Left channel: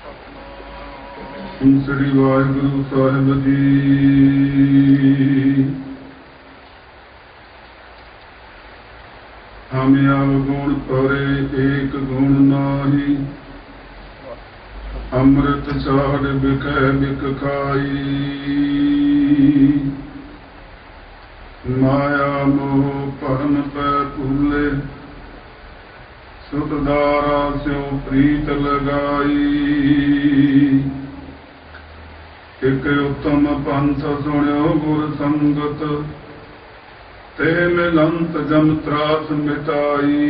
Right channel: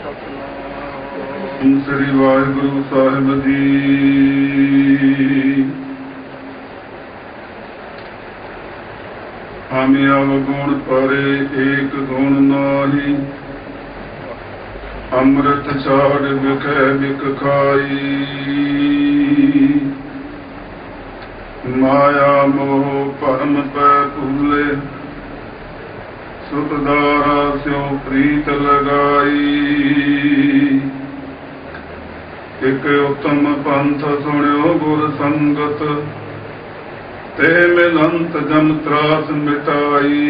ਸਤਿਨਾਮ ਸ੍ਰੀ ਵਾਹਿਗੁਰੂ ਸਾਹਿਬ ਜੀ। ਹਮਿ ਅਵਗੁਣ ਪਰੇ ਏਕ ਗੁਣ ਨਾਹੀ, ਅੰਮ੍ਰਿਤ ਛਾੜ ਵਿਖੇ ਬਿਕ ਖਾਈ। ਮਾਇਆ ਮੋਹ ਭਰਮ ਪੈ ਭੂਲੇ, ਸੁਖ ਦਾਰਾ ਸਿਉ ਪ੍ਰੀਤ ਲਗਾਈ। ਇਕ ਉਤਮ ਪੰਥ ਸੁਣਿਓ ਗੁਰ ਸੰਗਤ, ਤੇ ਮਿਲੰਤ ਜਮ ਤਰਾਸ ਮਿਟਾਈ।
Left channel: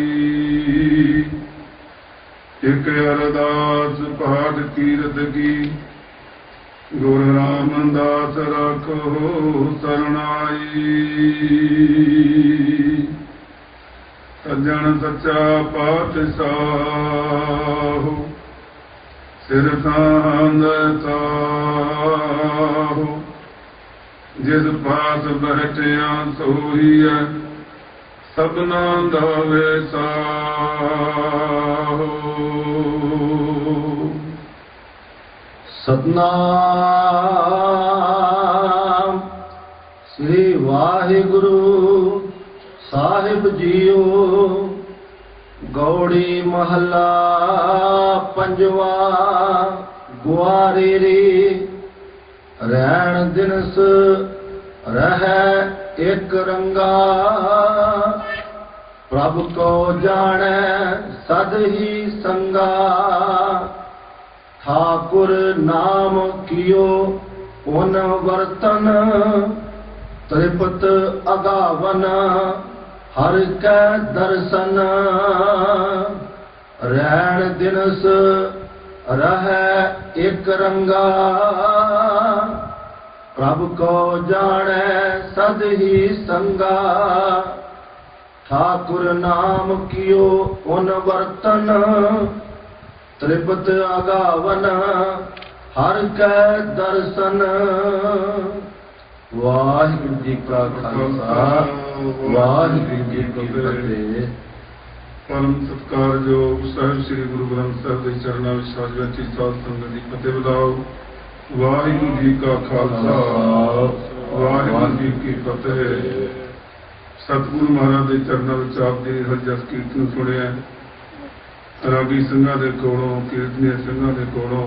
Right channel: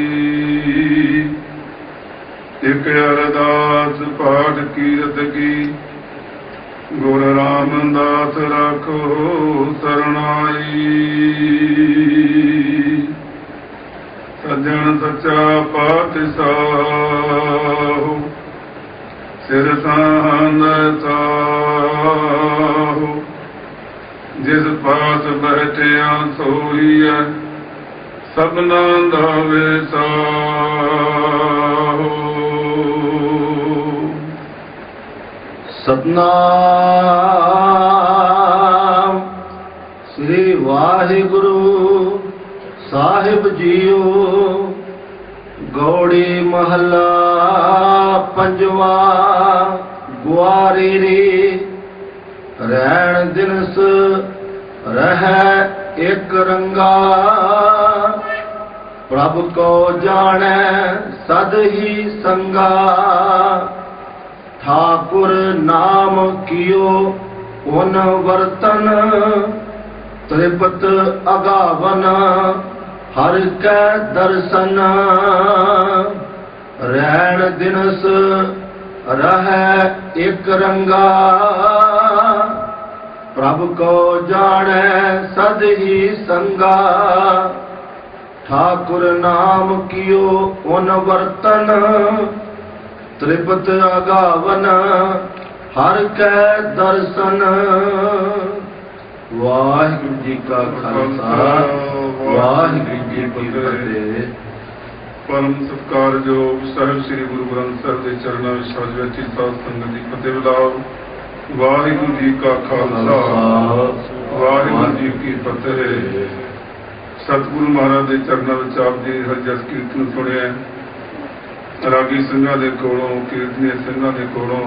ਇਕ ਅਰਦਾਸ ਪਾਠ ਕੀਰਤ ਕੀ, ਗੁਰ ਰਾਮਦਾਸ ਰਾਖੋ ਸਰਣਾਈ। ਸੱਜਣ ਸੱਚਾ ਪਾਤਸ਼ਾਹ, ਸਿਰ ਸਾਂਧ ਸਾਹੁ। ਜਿਸ ਪਾਸ ਬੈਠਿਆ ਸੋਹੀਐ, ਸਭਨਾ ਦਾ ਵਿਸਾਹੁ। ਸਤਨਾਮ ਸ੍ਰੀ ਵਾਹਿਗੁਰੂ ਸਾਹਿਬ ਜੀਓ। ਗੌੜੀ ਮਹੱਲਾ ਪੰਜਵਾਂ। ਗੁਆਰੀ ਰੀ ਰਹਿਣ ਦਿਨਸ ਰਹਿ ਇਕ ਰੰਗਾ, ਪ੍ਰਭ ਕੋ ਜਾਣੈ ਸਦ ਹੀ ਸੰਗਾ। ਠਾਕੁਰ ਨਾਮ ਕੀਓ ਪੁਨ ਵਰਤਨ, ਤ੍ਰਿਪਤ ਅਗਾਵਨ ਹਰ ਕੈ ਦਰਸ਼ਨ। ਰਹਿਣ ਦਿਨਸ ਰਹਿ ਇਕ ਰੰਗਾ, ਪ੍ਰਭ ਕੋ ਜਾਣੈ ਸਦ ਹੀ ਸੰਗਾ। ਠਾਕੁਰ ਨਾਮ ਕੀਓ ਪੁਨ ਵਰਤਨ, ਤ੍ਰਿਪਤ ਅਗਾਵਨ ਹਰ ਕੈ ਦਰਸ਼ਨ। ਵਾਹਿਗੁਰੂ ਜੀ ਕਾ ਖਾਲਸਾ, ਵਾਹਿਗੁਰੂ ਜੀ ਕੀ ਫਤਿਹ। ਪਰਮ ਸਤਿਕਾਰਯੋਗ ਸਾਹਿਬ ਸ੍ਰੀ ਗੁਰੂ ਗ੍ਰੰਥ ਸਾਹਿਬ ਦੇ ਚਰਨਾਂ ਵਿੱਚ ਹਾਜ਼ਰ ਵਿੱਚ ਸਾਧ ਸੰਗਤ ਦੀ ਫਤਿਹ ਬੁਲਾਓ। ਵਾਹਿਗੁਰੂ ਜੀ ਕਾ ਖਾਲਸਾ, ਵਾਹਿਗੁਰੂ ਜੀ ਕੀ ਫਤਿਹ। ਸਤਿਗੁਰੂ ਮਹਾਰਾਜ ਦੇ ਚਰਨਾਂ ਵਿੱਚ ਆਪ ਜੀ ਹਰ ਜਸ ਕੀਰਤਨ ਸੁਣਿਆ। ਰਾਗੀ ਸਿੰਘਾਂ ਦੇ ਕੋਲੋਂ, ਕੀਰਤਨੀਏ ਸਿੰਘਾਂ ਦੇ ਕੋਲੋਂ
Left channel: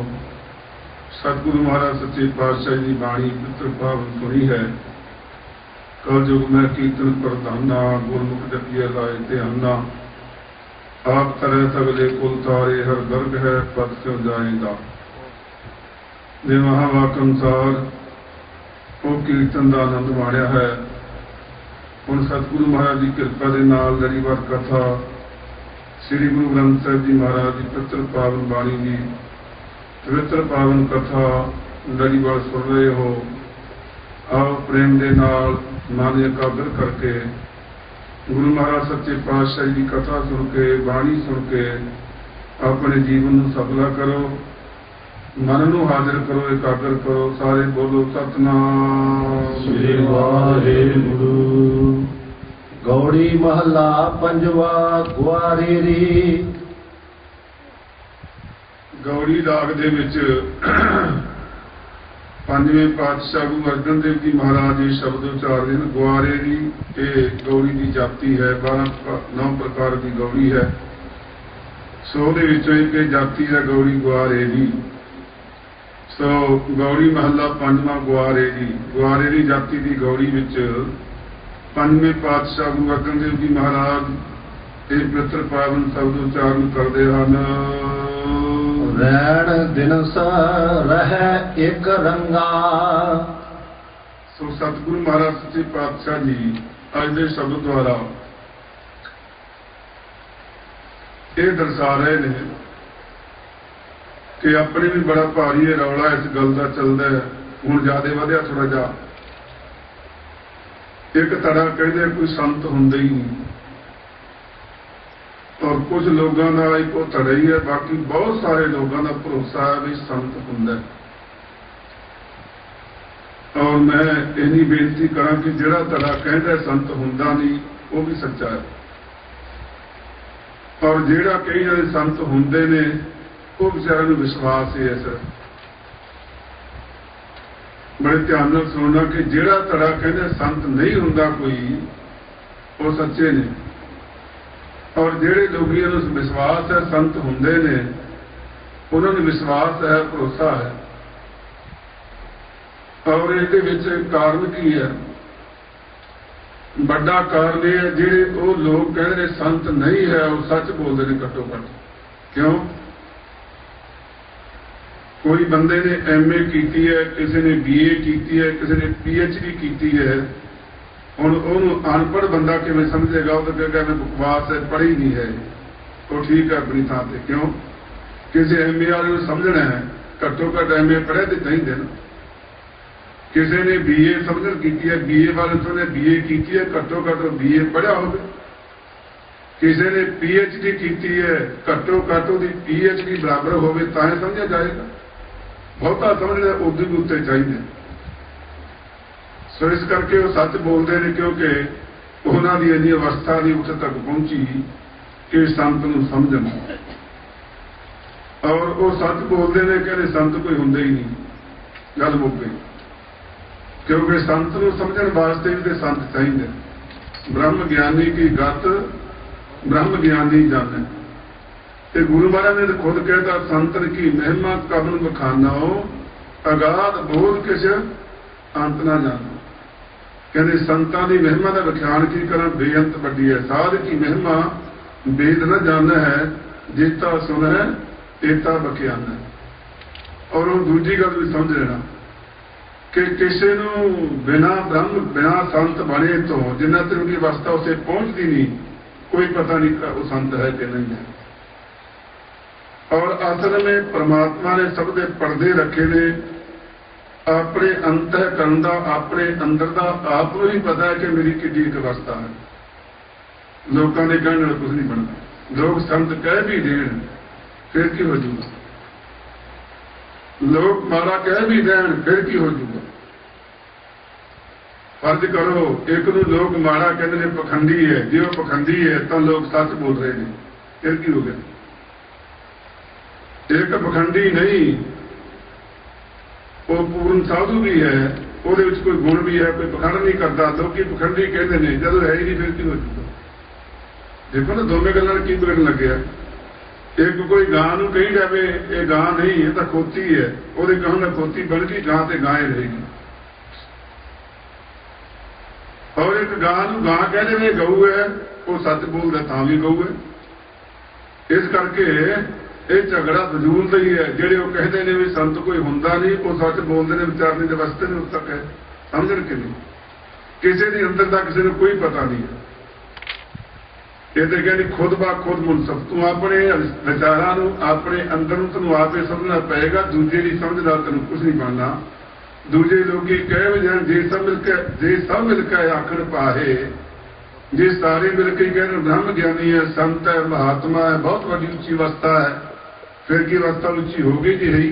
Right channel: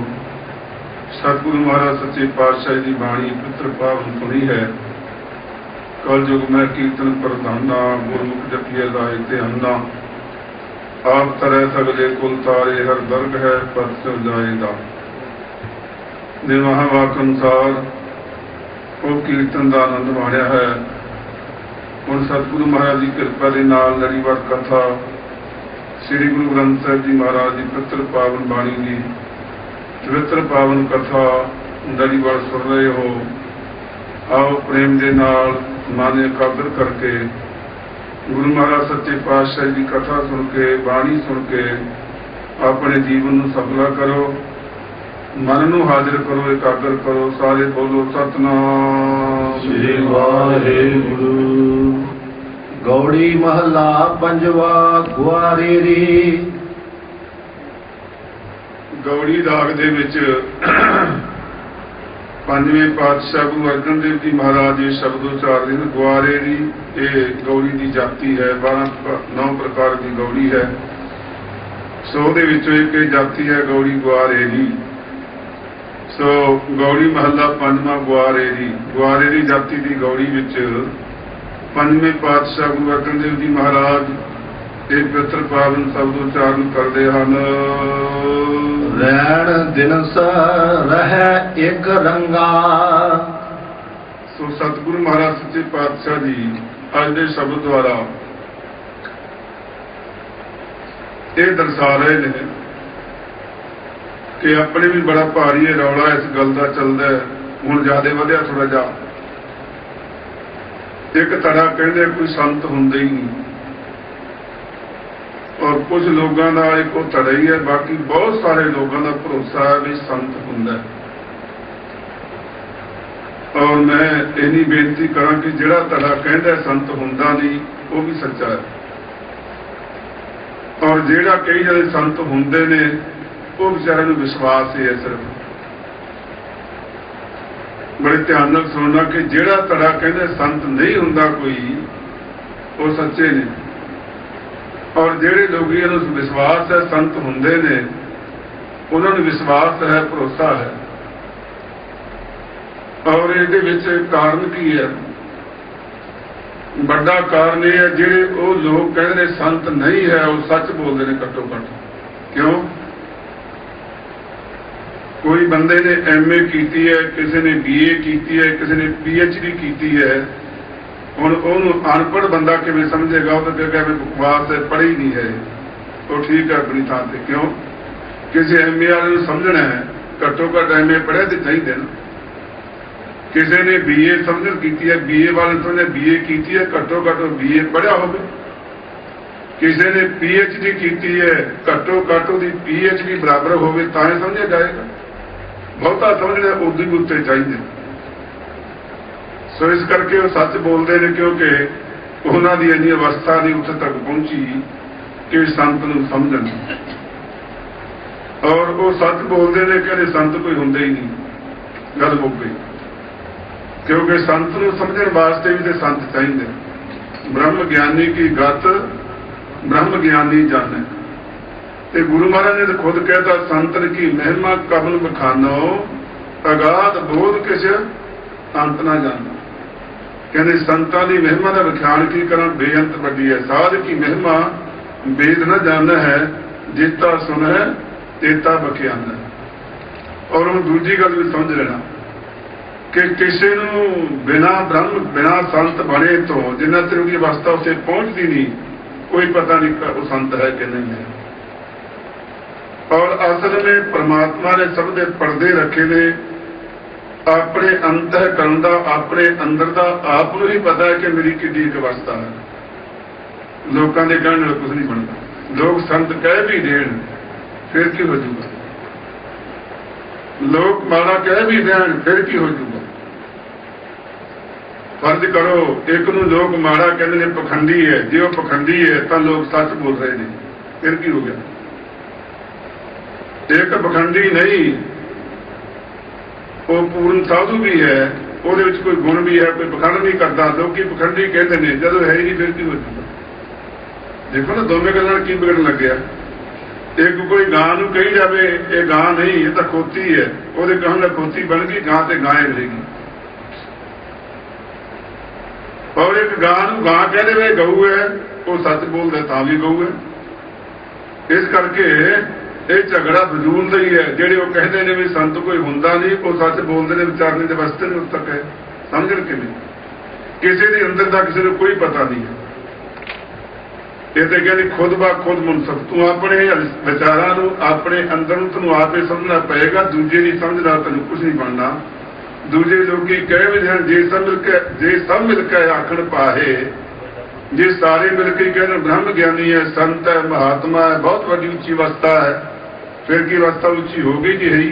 ਸਤਿਗੁਰੂ ਮਹਾਰਾਜ ਸੱਚੇ ਪਾਤਸ਼ਾਹ ਦੀ ਬਾਣੀ ਪੁੱਤਰ ਪਾਵਨ ਸੁਣੀ ਹੈ। ਕਲਯੁਗ ਮੈਂ ਕੀਰਤਨ ਪ੍ਰਧਾਨਾ, ਗੁਰਮੁਖ ਜਪੀਏ ਲਾਏ ਤੇ ਅੰਨਾ। ਆਪ ਤਰੈ ਸਗਲੇ ਕੁਲ ਤਾਰੇ, ਹਰ ਦਰਗ ਹੈ ਪਦ ਸਿਉ ਜਾਏਗਾ। ਦੇ ਮਹਾਵਾਕ ਅਨੁਸਾਰ ਉਹ ਕੀਰਤਨ ਦਾ ਆਨੰਦ ਮਾਣਿਆ ਹੈ। ਹੁਣ ਸਤਿਗੁਰੂ ਮਹਾਰਾਜ ਦੀ ਕਿਰਪਾ ਦੇ ਨਾਲ ਲੜੀਵਾਰ ਕਥਾ ਸ੍ਰੀ ਗੁਰੂ ਗ੍ਰੰਥ ਸਾਹਿਬ ਜੀ ਮਹਾਰਾਜ ਦੀ ਪਵਿੱਤਰ ਪਾਵਨ ਬਾਣੀ ਦੀ ਪਵਿੱਤਰ ਪਾਵਨ ਕਥਾ ਲੜੀਵਾਰ ਸੁਣ ਰਹੇ ਹੋ। ਆਓ ਪ੍ਰੇਮ ਦੇ ਨਾਲ ਮਨ ਇਕਾਗਰ ਕਰਕੇ ਗੁਰੂ ਮਹਾਰਾਜ ਸੱਚੇ ਪਾਤਸ਼ਾਹ ਦੀ ਕਥਾ ਸੁਣ ਕੇ, ਬਾਣੀ ਸੁਣ ਕੇ ਆਪਣੇ ਜੀਵਨ ਨੂੰ ਸਫਲਾ ਕਰੋ, ਮਨ ਨੂੰ ਹਾਜ਼ਰ ਕਰੋ, ਇਕਾਗਰ ਕਰੋ। ਸਾਰੇ ਬੋਲੋ ਸਤਿਨਾਮ ਸ੍ਰੀ ਵਾਹਿਗੁਰੂ। ਗੌੜੀ ਮਹੱਲਾ ਪੰਜਵਾਂ। ਗੁਆਰੀ ਰੀ। ਗੌੜੀ ਰਾਗ ਦੇ ਵਿੱਚ ਪੰਜਵੇਂ ਪਾਤਸ਼ਾਹ ਗੁਰੂ ਅਰਜਨ ਦੇਵ ਜੀ ਮਹਾਰਾਜ ਇਹ ਸ਼ਬਦ ਉਚਾਰਦੇ ਹਨ। ਗੁਆਰੇ ਦੀ ਇਹ ਗੌੜੀ ਦੀ ਜਾਤੀ ਹੈ। 9 ਪ੍ਰਕਾਰ ਦੀ ਗੌੜੀ ਹੈ। ਸੋ ਉਹਦੇ ਵਿੱਚੋਂ ਇੱਕ ਇਹ ਜਾਤੀ ਹੈ ਗੌੜੀ ਗੁਆਰੇ ਦੀ। ਸੋ ਗੌੜੀ ਮਹੱਲਾ ਪੰਜਵਾਂ। ਗੁਆਰੇ ਦੀ। ਗੁਆਰੇ ਦੀ ਜਾਤੀ ਦੀ ਗੌੜੀ ਵਿੱਚ ਪੰਜਵੇਂ ਪਾਤਸ਼ਾਹ ਗੁਰੂ ਅਰਜਨ ਦੇਵ ਜੀ ਮਹਾਰਾਜ ਇਹ ਪਵਿੱਤਰ ਪਾਵਨ ਸ਼ਬਦ ਉਚਾਰਨ ਕਰਦੇ ਹਨ। ਰਹਿਣ ਦਿਨਸ ਰਹਿ ਇਕ ਰੰਗਾ। ਸੋ ਸਤਿਗੁਰੂ ਮਹਾਰਾਜ ਸੱਚੇ ਪਾਤਸ਼ਾਹ ਜੀ ਅੱਜ ਦੇ ਸ਼ਬਦ ਦੁਆਰਾ ਇਹ ਦਰਸਾ ਰਹੇ ਨੇ ਕਿ ਆਪਣੇ ਵੀ ਬੜਾ ਭਾਰੀ ਹੈ ਰੌਲਾ ਇਸ ਗੱਲ ਦਾ ਚੱਲਦਾ ਹੈ। ਹੁਣ ਜ਼ਿਆਦਾ ਵਧਿਆ ਥੋੜਾ ਜਿਹਾ। ਇੱਕ ਤਰ੍ਹਾਂ ਕਹਿੰਦੇ ਕੋਈ ਸੰਤ ਹੁੰਦੇ ਹੀ ਨਹੀਂ, ਔਰ ਕੁਝ ਲੋਕਾਂ ਦਾ ਇੱਕੋ ਧੜਾ ਹੀ ਹੈ। ਬਾਕੀ ਬਹੁਤ ਸਾਰੇ ਲੋਕਾਂ ਦਾ ਭਰੋਸਾ ਹੈ ਵੀ ਸੰਤ ਹੁੰਦਾ। ਔਰ ਮੈਂ ਇਹਨੀ ਬੇਨਤੀ ਕਰਾਂ ਕਿ ਜਿਹੜਾ ਧੜਾ ਕਹਿੰਦਾ ਸੰਤ ਹੁੰਦਾ ਨਹੀਂ, ਉਹ ਵੀ ਸੱਚਾ ਹੈ। ਔਰ ਜਿਹੜਾ ਕਈ ਜਿਹੜੇ ਸੰਤ ਹੁੰਦੇ ਨੇ वो बेचारे नूं विश्वास ही है सिर्फ। बड़े ध्यान नाल सुनना कि जिहड़ा धड़ा कहंदे संत नहीं हुंदा कोई, वो सच्चे ने, और जिहड़े लोग इहनूं विश्वास है संत हुंदे ने, उन्हां नूं विश्वास है, भरोसा है। और इहदे विच कारण की है, बड़ा कारण यह है जिहड़े वो लोग कहंदे संत नहीं है, वो सच बोलते हैं घट्टो घट। क्यों? कोई बंदे ने MA की है, किसी ने BA की है, किसी ने PhD की है, हुण उहनूं अनपढ़ बंदा किवें समझेगा? वो तो कहेगा बकवास है, पढ़ी नहीं है, तो ठीक है अपनी थां ते। क्यों? किसी MA वाले नूं समझना है, घट्टो घट MA पढ़िया तो चाहिए ना। किसी ने BA समझ की है, BA वाले तो ने BA की है, घट्टो घट BA पढ़िया होवे। किसी ने PhD की है, घट्टो घट उसकी PhD बराबर होवे तां ही समझा जाएगा। बहुता समझना उर्दू भी उत्ते चाहिए। सो इस करके वो सच बोलते हैं, क्योंकि उन्होंने इन्नी अवस्था नहीं उत्थे तक पहुंची कि संत नूं समझण, और वो सच बोलते हैं कि संत कोई हुंदे ही नहीं, गल मुक गई। क्योंकि संत नूं समझण वास्ते भी तो संत चाहिए। ब्रह्म ज्ञानी की गत ब्रह्म ज्ञानी जाने। ते गुरु महाराज ने तो खुद कहता, संतन की महिमा कबल बखानो, अगाध बोध किस अंत ना जानो। कहते संतां की महिमा का विख्यान की करा, बेअंत वड्डी है। साध की महिमा वेद न जाना है, जेता सुन है तेता बख्यान है। और वो दूजी गल भी समझ लेना कि किसी नूं बिना ब्रह्म बिना संत बने तो जिन्ना चिर की अवस्था उसे पहुंचती नहीं, कोई पता नहीं वो संत है कि नहीं है। और असल में परमात्मा ने सब दे पर्दे रखे ने, अपने अंतःकरण दा, अपने अंदर दा आप नूं ही पता है कि मेरी कितनी अवस्था है। लोगों के कहने नाल कुछ नहीं बनता। लोग संत कह भी देन फिर की हो जूगा, लोग माड़ा कह भी देन फिर की हो जूगा। फर्ज करो एक नूं लोग माड़ा कहते हैं पखंडी है, जे वो पखंडी है तो लोग सच बोल रहे हैं, फिर की हो गया? एक पखंडी नहीं, वो पूर्ण साधु भी है, वो कोई गुण भी है, कोई पखंड नहीं करता। लोग पखंडी कहते हैं, जब है ही नहीं फिर की हो जाता। देखो ना दोवें गल्लां की बिगड़न लग गया। एक कोई गां नूं कही जाए ये गां नहीं, ये तो खोती है, वो कहने खोती बन गई, गां से गां रहेगी। और एक गां नूं गां कह दे गऊ है, वो सच बोलते तां भी गऊ है। इस करके ये झगड़ा फजूल नहीं है। जेडे वो कहते हैं भी संत कोई हुंदा नहीं, वो सच बोलते हैं, विचारने के वास्ते नहीं उस तक है, समझ के नहीं। किसी के अंदर का किसी को कोई पता नहीं है। कहते कहते खुद ब खुद मुनसफ, तू अपने विचारां नूं अपने अंदर नूं तैनूं आप ही समझना पएगा, दूजे की समझ नाल तैनूं कुछ नहीं बनना। दूजे लोग कहे जे सब मिलकर आखण पाए, जे सारे मिलकर कहने ब्रह्म ज्ञानी है, संत है, महात्मा है, बहुत बड़ी उच्ची अवस्था है, फिर की अवस्था उच्ची होगी कि है ही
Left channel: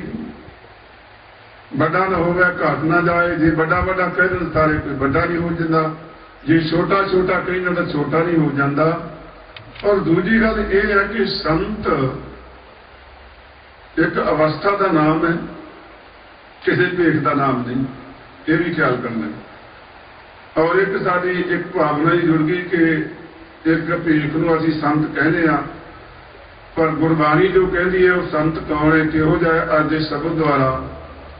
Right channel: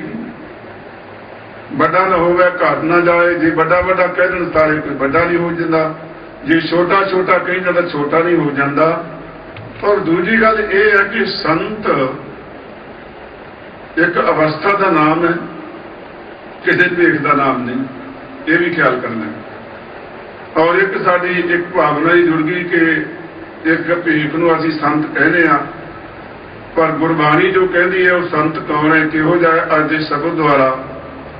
बड़ा न होवे घट ना जाए। जे बड़ा बड़ा कह दें सारे कोई बड़ा नहीं हो जाता, जे छोटा छोटा कही जाता छोटा नहीं हो जाता। और दूजी गल यह है कि संत एक अवस्था का नाम है, किसी भेख का नाम नहीं, ये भी ख्याल करना है। और एक साड़ी एक भावना ही जुड़ गई कि एक भेख नूं असीं संत कहने आ, पर गुरबाणी जो कहती है वो संत कौन है, किहो जिहा अज दे शब्द द्वारा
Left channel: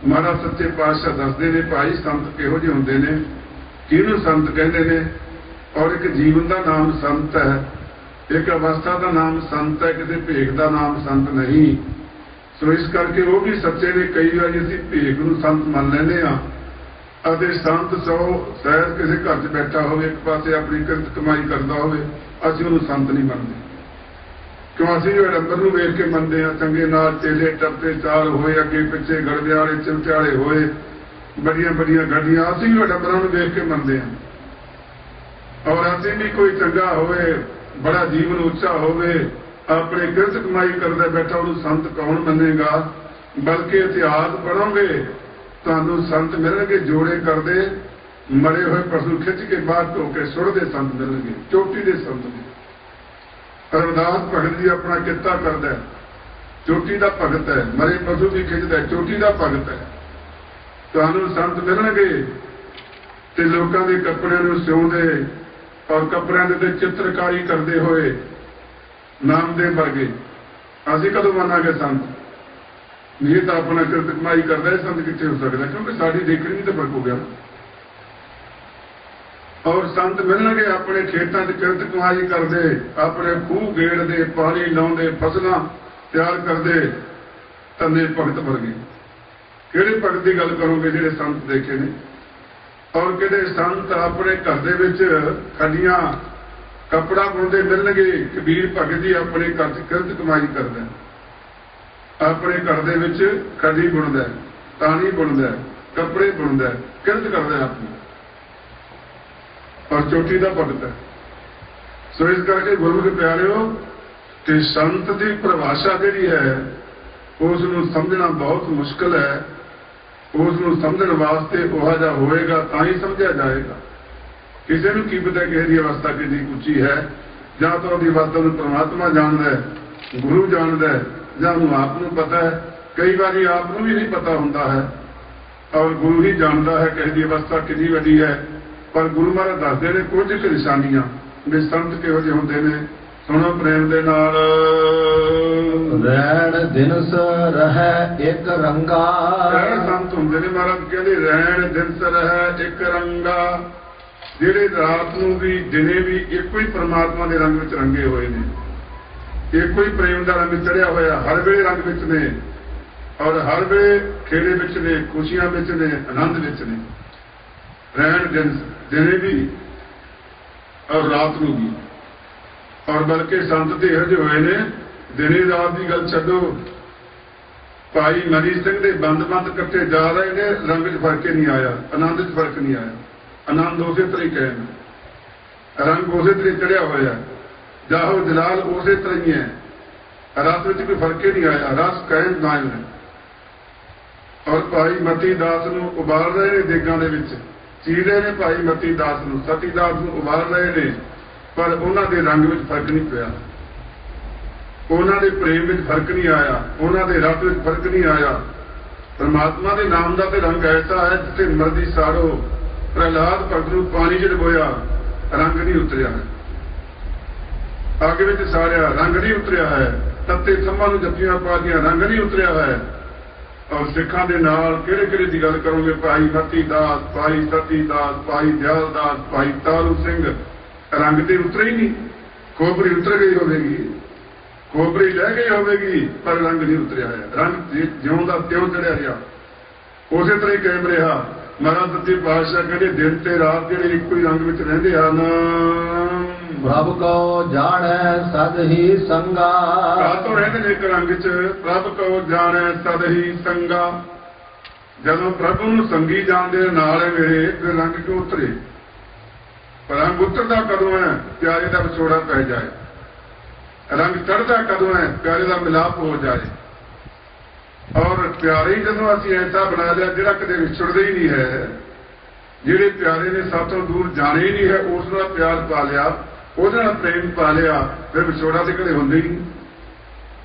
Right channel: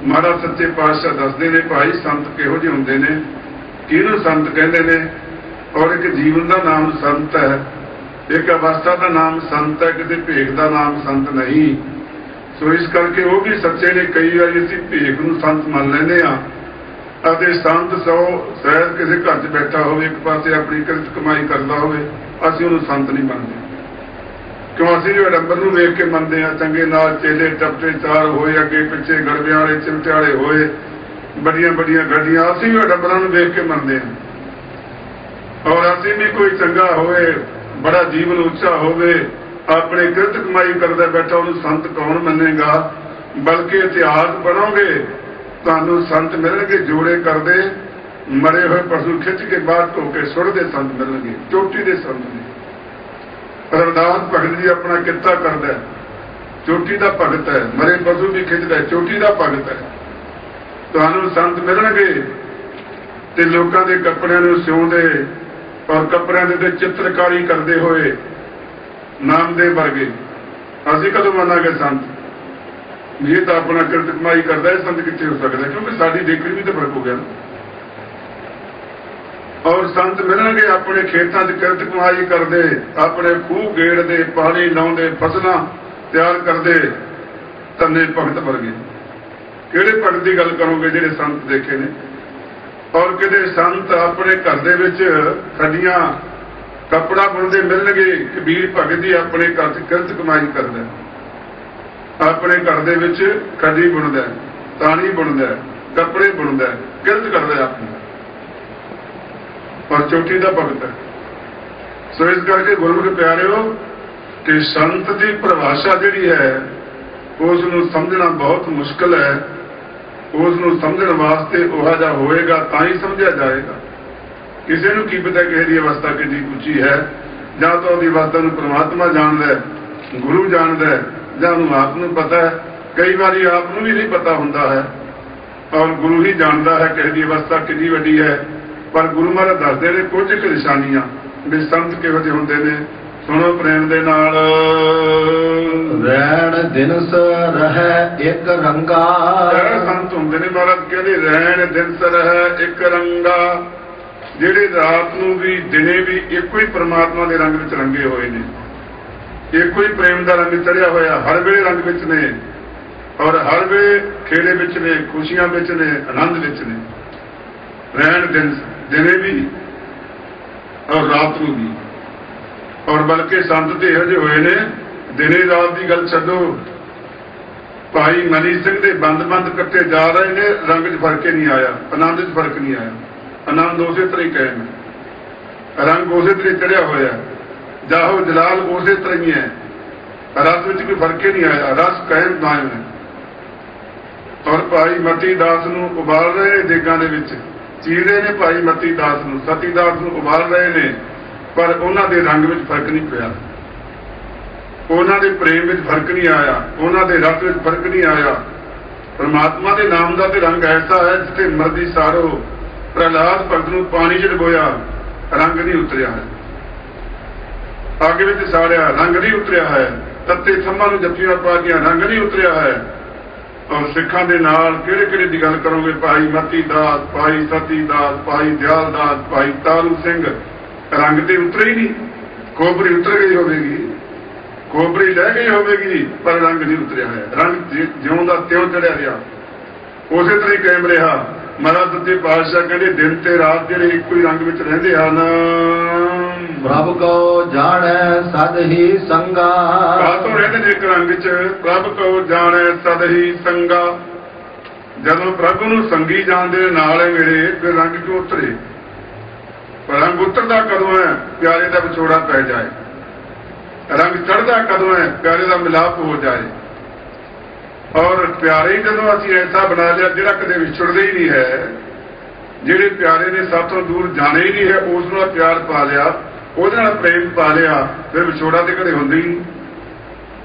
महाराज सच्चे पातशाह दसदे ने, भाई संत किहो जिहे हुंदे ने, किहनूं संत कहंदे ने। और एक जीवन का नाम संत है, एक अवस्था का नाम संत है, किसी भेख का नाम संत नहीं। सो इस करके वो भी सच्चे ने। कई बार असीं भेख नूं संत मान लैंदे आ, अते संत सौ शायद किसी घर च बैठा हो, एक पासे अपनी किरत कमाई करता हो, असीं उहनूं संत नहीं मनते। क्यों? असीं रब्बर नूं वेख के मनते हैं, चंगे नाल चेले टप्पे चार होए, अगे पिछे गड़बे वाले चिमटियाले होए, बड़ियां बड़ियां गड्डियां, असीं भी रब्बरां नूं वेख के मनते हैं। और असीं भी कोई चंगा होए, बड़ा जीवन उच्चा होवे, अपने किरत कमाई करदा बैठा, उहनूं संत कौन मनेगा? बल्कि इतिहास पढ़ोगे तुहानूं संत मिलणगे जोड़े करदे, मरे हुए पशु खिंच के बाहर धो के सुटदे संत मिलणगे, चोटी दे संत ने। अरदास भगत जी अपना किता करदा, ਚੋਟੀ ਦਾ ਭਗਤ ਹੈ, ਮਰੇ ਪਸ਼ੂ ਵੀ ਖਿੱਚਦਾ, ਚੋਟੀ ਦਾ ਭਗਤ ਹੈ। ਤੁਹਾਨੂੰ ਸੰਤ ਮਿਲਣਗੇ ਤੇ ਲੋਕਾਂ ਦੇ ਕੱਪੜਿਆਂ ਨੂੰ ਸਿਉਂਦੇ ਔਰ ਕੱਪੜਿਆਂ ਦੇ ਉੱਤੇ ਚਿੱਤਰਕਾਰੀ ਕਰਦੇ ਹੋਏ ਨਾਮਦੇਵ ਵਰਗੇ। ਅਸੀਂ ਕਦੋਂ ਮੰਨਾਂਗੇ ਸੰਤ? ਇਹ ਤਾਂ ਆਪਣਾ ਕਿਰਤ ਕਮਾਈ ਕਰਦਾ ਹੈ, ਸੰਤ ਕਿੱਥੇ ਹੋ ਸਕਦਾ? ਕਿਉਂਕਿ ਸਾਡੀ ਡਿਗਰੀ ਵੀ ਤਾਂ ਫਰਕ ਹੋ ਗਿਆ। ਔਰ ਸੰਤ ਮਿਲਣਗੇ ਆਪਣੇ ਖੇਤਾਂ 'ਚ ਕਿਰਤ ਕਮਾਈ ਕਰਦੇ, ਆਪਣੇ ਖੂਹ ਗੇੜਦੇ, ਪਾਣੀ ਲਾਉਂਦੇ, ਫਸਲਾਂ ਤਿਆਰ ਕਰਦੇ, ਧੰਨੇ ਭਗਤ ਵਰਗੇ। ਕਿਹੜੇ ਭਗਤ ਦੀ ਗੱਲ ਕਰੋਗੇ ਜਿਹੜੇ ਸੰਤ ਦੇਖੇ ਨੇ? ਔਰ ਕਿਹੜੇ ਸੰਤ ਆਪਣੇ ਘਰ ਦੇ ਵਿੱਚ ਖੱਡੀਆਂ ਕੱਪੜਾ ਬੁਣਦੇ ਮਿਲਣਗੇ? ਕਬੀਰ ਭਗਤ ਜੀ ਆਪਣੇ ਘਰ 'ਚ ਕਿਰਤ ਕਮਾਈ ਕਰਦਾ, ਆਪਣੇ ਘਰ ਦੇ ਵਿੱਚ ਖੱਡੀ ਬੁਣਦਾ, ਤਾਣੀ ਬੁਣਦਾ, ਕੱਪੜੇ ਬੁਣਦਾ, ਕਿਰਤ ਕਰਦਾ ਆਪਣੇ, ਪਰ ਚੋਟੀ ਦਾ ਭਗਤ ਹੈ। ਸੋ ਇਸ ਕਰਕੇ ਗੁਰਮੁਖ ਪਿਆਰਿਓ ਕਿ ਸੰਤ ਦੀ ਪਰਿਭਾਸ਼ਾ ਜਿਹੜੀ ਹੈ ਉਸ ਨੂੰ ਸਮਝਣਾ ਬਹੁਤ ਮੁਸ਼ਕਲ ਹੈ। ਉਸ ਨੂੰ ਸਮਝਣ ਵਾਸਤੇ ਉਹ ਜਿਹਾ ਹੋਏਗਾ ਤਾਂ ਹੀ ਸਮਝਿਆ ਜਾਏਗਾ। ਕਿਸੇ ਨੂੰ ਕੀ ਪਤਾ ਕਿਸੇ ਦੀ ਅਵਸਥਾ ਕਿੰਨੀ ਉੱਚੀ ਹੈ, ਜਾਂ ਤਾਂ ਉਹਦੀ ਅਵਸਥਾ ਨੂੰ ਪ੍ਰਮਾਤਮਾ ਜਾਣਦਾ, ਗੁਰੂ ਜਾਣਦਾ, ਜਾਂ ਉਹਨੂੰ ਆਪ ਨੂੰ ਪਤਾ ਹੈ। ਕਈ ਵਾਰੀ ਆਪ ਨੂੰ ਵੀ ਨਹੀਂ ਪਤਾ ਹੁੰਦਾ ਹੈ ਔਰ ਗੁਰੂ ਹੀ ਜਾਣਦਾ ਹੈ ਕਿਸੇ ਦੀ ਅਵਸਥਾ ਕਿੰਨੀ ਵੱਡੀ ਹੈ। ਪਰ ਗੁਰੂ ਮਹਾਰਾਜ ਦੱਸਦੇ ਨੇ ਕੁਝ ਕੁ ਨਿਸ਼ਾਨੀਆਂ ਵੀ ਸੰਤ ਕਿਹੋ ਜਿਹੇ ਹੁੰਦੇ ਨੇ। ਸੁਣੋ ਪ੍ਰੇਮ ਦੇ ਨਾਲ। ਰਹਿਣ ਦਿਨਸ ਰਹਿ ਇੱਕ ਰੰਗਾ। ਸੰਤ ਹੁੰਦੇ ਨੇ ਮਹਾਰਾਜ ਕਹਿੰਦੇ ਰਹਿਣ ਦਿਨਸ ਰਹਿ ਇੱਕ ਰੰਗਾ, ਜਿਹੜੇ ਰਾਤ ਨੂੰ ਵੀ ਦਿਨੇ ਵੀ ਇੱਕੋ ਹੀ ਪਰਮਾਤਮਾ ਦੇ ਰੰਗ ਵਿੱਚ ਰੰਗੇ ਹੋਏ ਨੇ, ਇੱਕੋ ਹੀ ਪ੍ਰੇਮ ਦਾ ਰੰਗ ਚੜਿਆ ਹੋਇਆ, ਹਰ ਵੇਲੇ ਰੰਗ ਵਿੱਚ ਨੇ ਔਰ ਹਰ ਵੇਲੇ ਖੇੜੇ ਵਿੱਚ ਨੇ, ਖੁਸ਼ੀਆਂ ਵਿੱਚ ਨੇ, ਆਨੰਦ ਵਿੱਚ ਨੇ। ਰਹਿਣ ਦਿਨ ਦਿਨੇ ਵੀ ਔਰ ਰਾਤ ਨੂੰ ਵੀ। ਔਰ ਬਲਕਿ ਸੰਤ ਤੇ ਇਹੋ ਜਿਹੇ ਹੋਏ ਨੇ ਦਿਨੇ ਰਾਤ ਦੀ ਗੱਲ ਛੱਡੋ, ਭਾਈ ਮਨੀ ਸਿੰਘ ਦੇ ਬੰਦ ਕੱਟੇ ਜਾ ਰਹੇ ਨੇ, ਰੰਗ 'ਚ ਫਰਕ ਹੀ ਨਹੀਂ ਆਇਆ, ਆਨੰਦ 'ਚ ਫਰਕ ਨਹੀਂ ਆਇਆ। ਆਨੰਦ ਉਸੇ ਤਰੀਕੇ ਹੈ, ਰੰਗ ਉਸੇ ਤਰੀਕੇ ਚੜਿਆ ਹੋਇਆ, ਜਾਹੋ ਜਲਾਲ ਉਸੇ ਤਰ੍ਹਾਂ ਹੀ ਹੈ, ਰਸ ਵਿੱਚ ਕੋਈ ਫਰਕ ਹੀ ਨਹੀਂ ਆਇਆ, ਰਸ ਕਾਇਮ ਹੈ। ਔਰ ਭਾਈ ਮਤੀ ਦਾਸ ਨੂੰ ਉਬਾਲ ਰਹੇ ਨੇ ਦੇਗਾਂ ਦੇ ਵਿੱਚ, ਚੀਰ ਰਹੇ ਨੇ ਭਾਈ ਮਤੀ ਦਾਸ ਨੂੰ, ਸਤੀ ਦਾਸ ਨੂੰ ਉਬਾਲ ਰਹੇ ਨੇ, ਪਰ ਉਹਨਾਂ ਦੇ ਰੰਗ ਵਿੱਚ ਫਰਕ ਨਹੀਂ ਪਿਆ, ਉਹਨਾਂ ਦੇ ਪ੍ਰੇਮ ਵਿੱਚ ਫਰਕ ਨਹੀਂ ਆਇਆ, ਉਹਨਾਂ ਦੇ ਰੰਗ ਵਿੱਚ ਫਰਕ ਨਹੀਂ ਆਇਆ। ਪਰਮਾਤਮਾ ਦੇ ਨਾਮ ਦਾ ਤੇ ਰੰਗ ਐਸਾ ਹੈ ਜਿੱਥੇ ਮਰਦੀ ਸਾਰੋ ਪ੍ਰਹਲਾਦ ਭਗਤ ਨੂੰ ਪਾਣੀ 'ਚ ਡੁਬੋਇਆ, ਰੰਗ ਨਹੀਂ ਉਤਰਿਆ ਹੈ, ਅੱਗ ਵਿੱਚ ਸਾੜਿਆ, ਰੰਗ ਨਹੀਂ ਉਤਰਿਆ ਹੈ, ਤੱਤੇ ਥੰਮਾਂ ਨੂੰ ਜੱਫੀਆਂ ਪਾ ਦੀਆਂ, ਰੰਗ ਨਹੀਂ ਉਤਰਿਆ ਹੈ। ਔਰ ਸਿੱਖਾਂ ਦੇ ਨਾਲ ਕਿਹੜੇ ਦੀ ਗੱਲ ਕਰੋਗੇ? ਭਾਈ ਮਤੀ ਦਾਸ, ਭਾਈ ਸਤੀ ਦਾਸ, ਭਾਈ ਦਿਆਲ ਦਾਸ, ਭਾਈ ਤਾਰੂ ਸਿੰਘ, ਰੰਗ ਦੀ ਉਤਰੇ ਹੀ ਨਹੀਂ। ਖੋਪਰੀ ਉਤਰ ਗਈ ਹੋਵੇਗੀ, ਖੋਪਰੀ ਰਹਿ ਗਈ ਹੋਵੇਗੀ, ਪਰ ਰੰਗ ਨਹੀਂ ਉਤਰਿਆ ਹੈ। ਰੰਗ ਜਿਉਂ ਦਾ ਤਿਉਂ ਚੜਿਆ ਰਿਹਾ, ਉਸੇ ਤਰ੍ਹਾਂ ਹੀ ਕਾਇਮ ਰਿਹਾ। ਮਹਾਰਾਜ ਦੇ ਬਾਦਸ਼ਾਹ ਕਹਿੰਦੇ ਦਿਨ ਤੇ ਰਾਤ ਜਿਹੜੇ ਇੱਕੋ ਹੀ ਰੰਗ ਵਿੱਚ ਰਹਿੰਦੇ ਹਨ। ਪ੍ਰਭ ਕੋ ਜਾਣੈ ਸਦ ਹੀ ਸੰਗਾ। ਕਾਤੋਂ ਰਹਿੰਦੇ ਨੇ ਇੱਕ ਰੰਗ 'ਚ? ਪ੍ਰਭ ਕੋ ਜਾਣੈ ਸਦ ਹੀ ਸੰਗਾ। ਜਦੋਂ ਪ੍ਰਭੂ ਨੂੰ ਸੰਗੀ ਜਾਣਦੇ ਨਾਲ ਹੈ ਮੇਰੇ, ਫਿਰ ਰੰਗ ਕਿਉਂ ਉਤਰੇ? ਰੰਗ ਉਤਰਦਾ ਕਦੋਂ ਹੈ? ਪਿਆਰੇ ਦਾ ਵਿਛੋੜਾ ਪੈ ਜਾਏ। ਰੰਗ ਚੜ੍ਹਦਾ ਕਦੋਂ ਹੈ? ਪਿਆਰੇ ਦਾ ਮਿਲਾਪ ਹੋ ਜਾਏ। ਔਰ ਪਿਆਰੇ ਹੀ ਜਦੋਂ ਅਸੀਂ ਐਸਾ ਬਣਾ ਲਿਆ ਜਿਹੜਾ ਕਦੇ ਵਿਛੜਦਾ ਹੀ ਨਹੀਂ ਹੈ, ਜਿਹੜੇ ਪਿਆਰੇ ਨੇ ਸਭ ਤੋਂ ਦੂਰ ਜਾਣੇ ਹੀ ਨਹੀਂ ਹੈ, ਉਸ ਨਾਲ ਪਿਆਰ ਪਾ ਲਿਆ, ਉਹਦੇ ਨਾਲ ਪ੍ਰੇਮ ਪਾ ਲਿਆ, ਫਿਰ ਵਿਛੋੜਾ ਤੇ ਕਦੇ ਹੁੰਦਾ ਹੀ ਨਹੀਂ।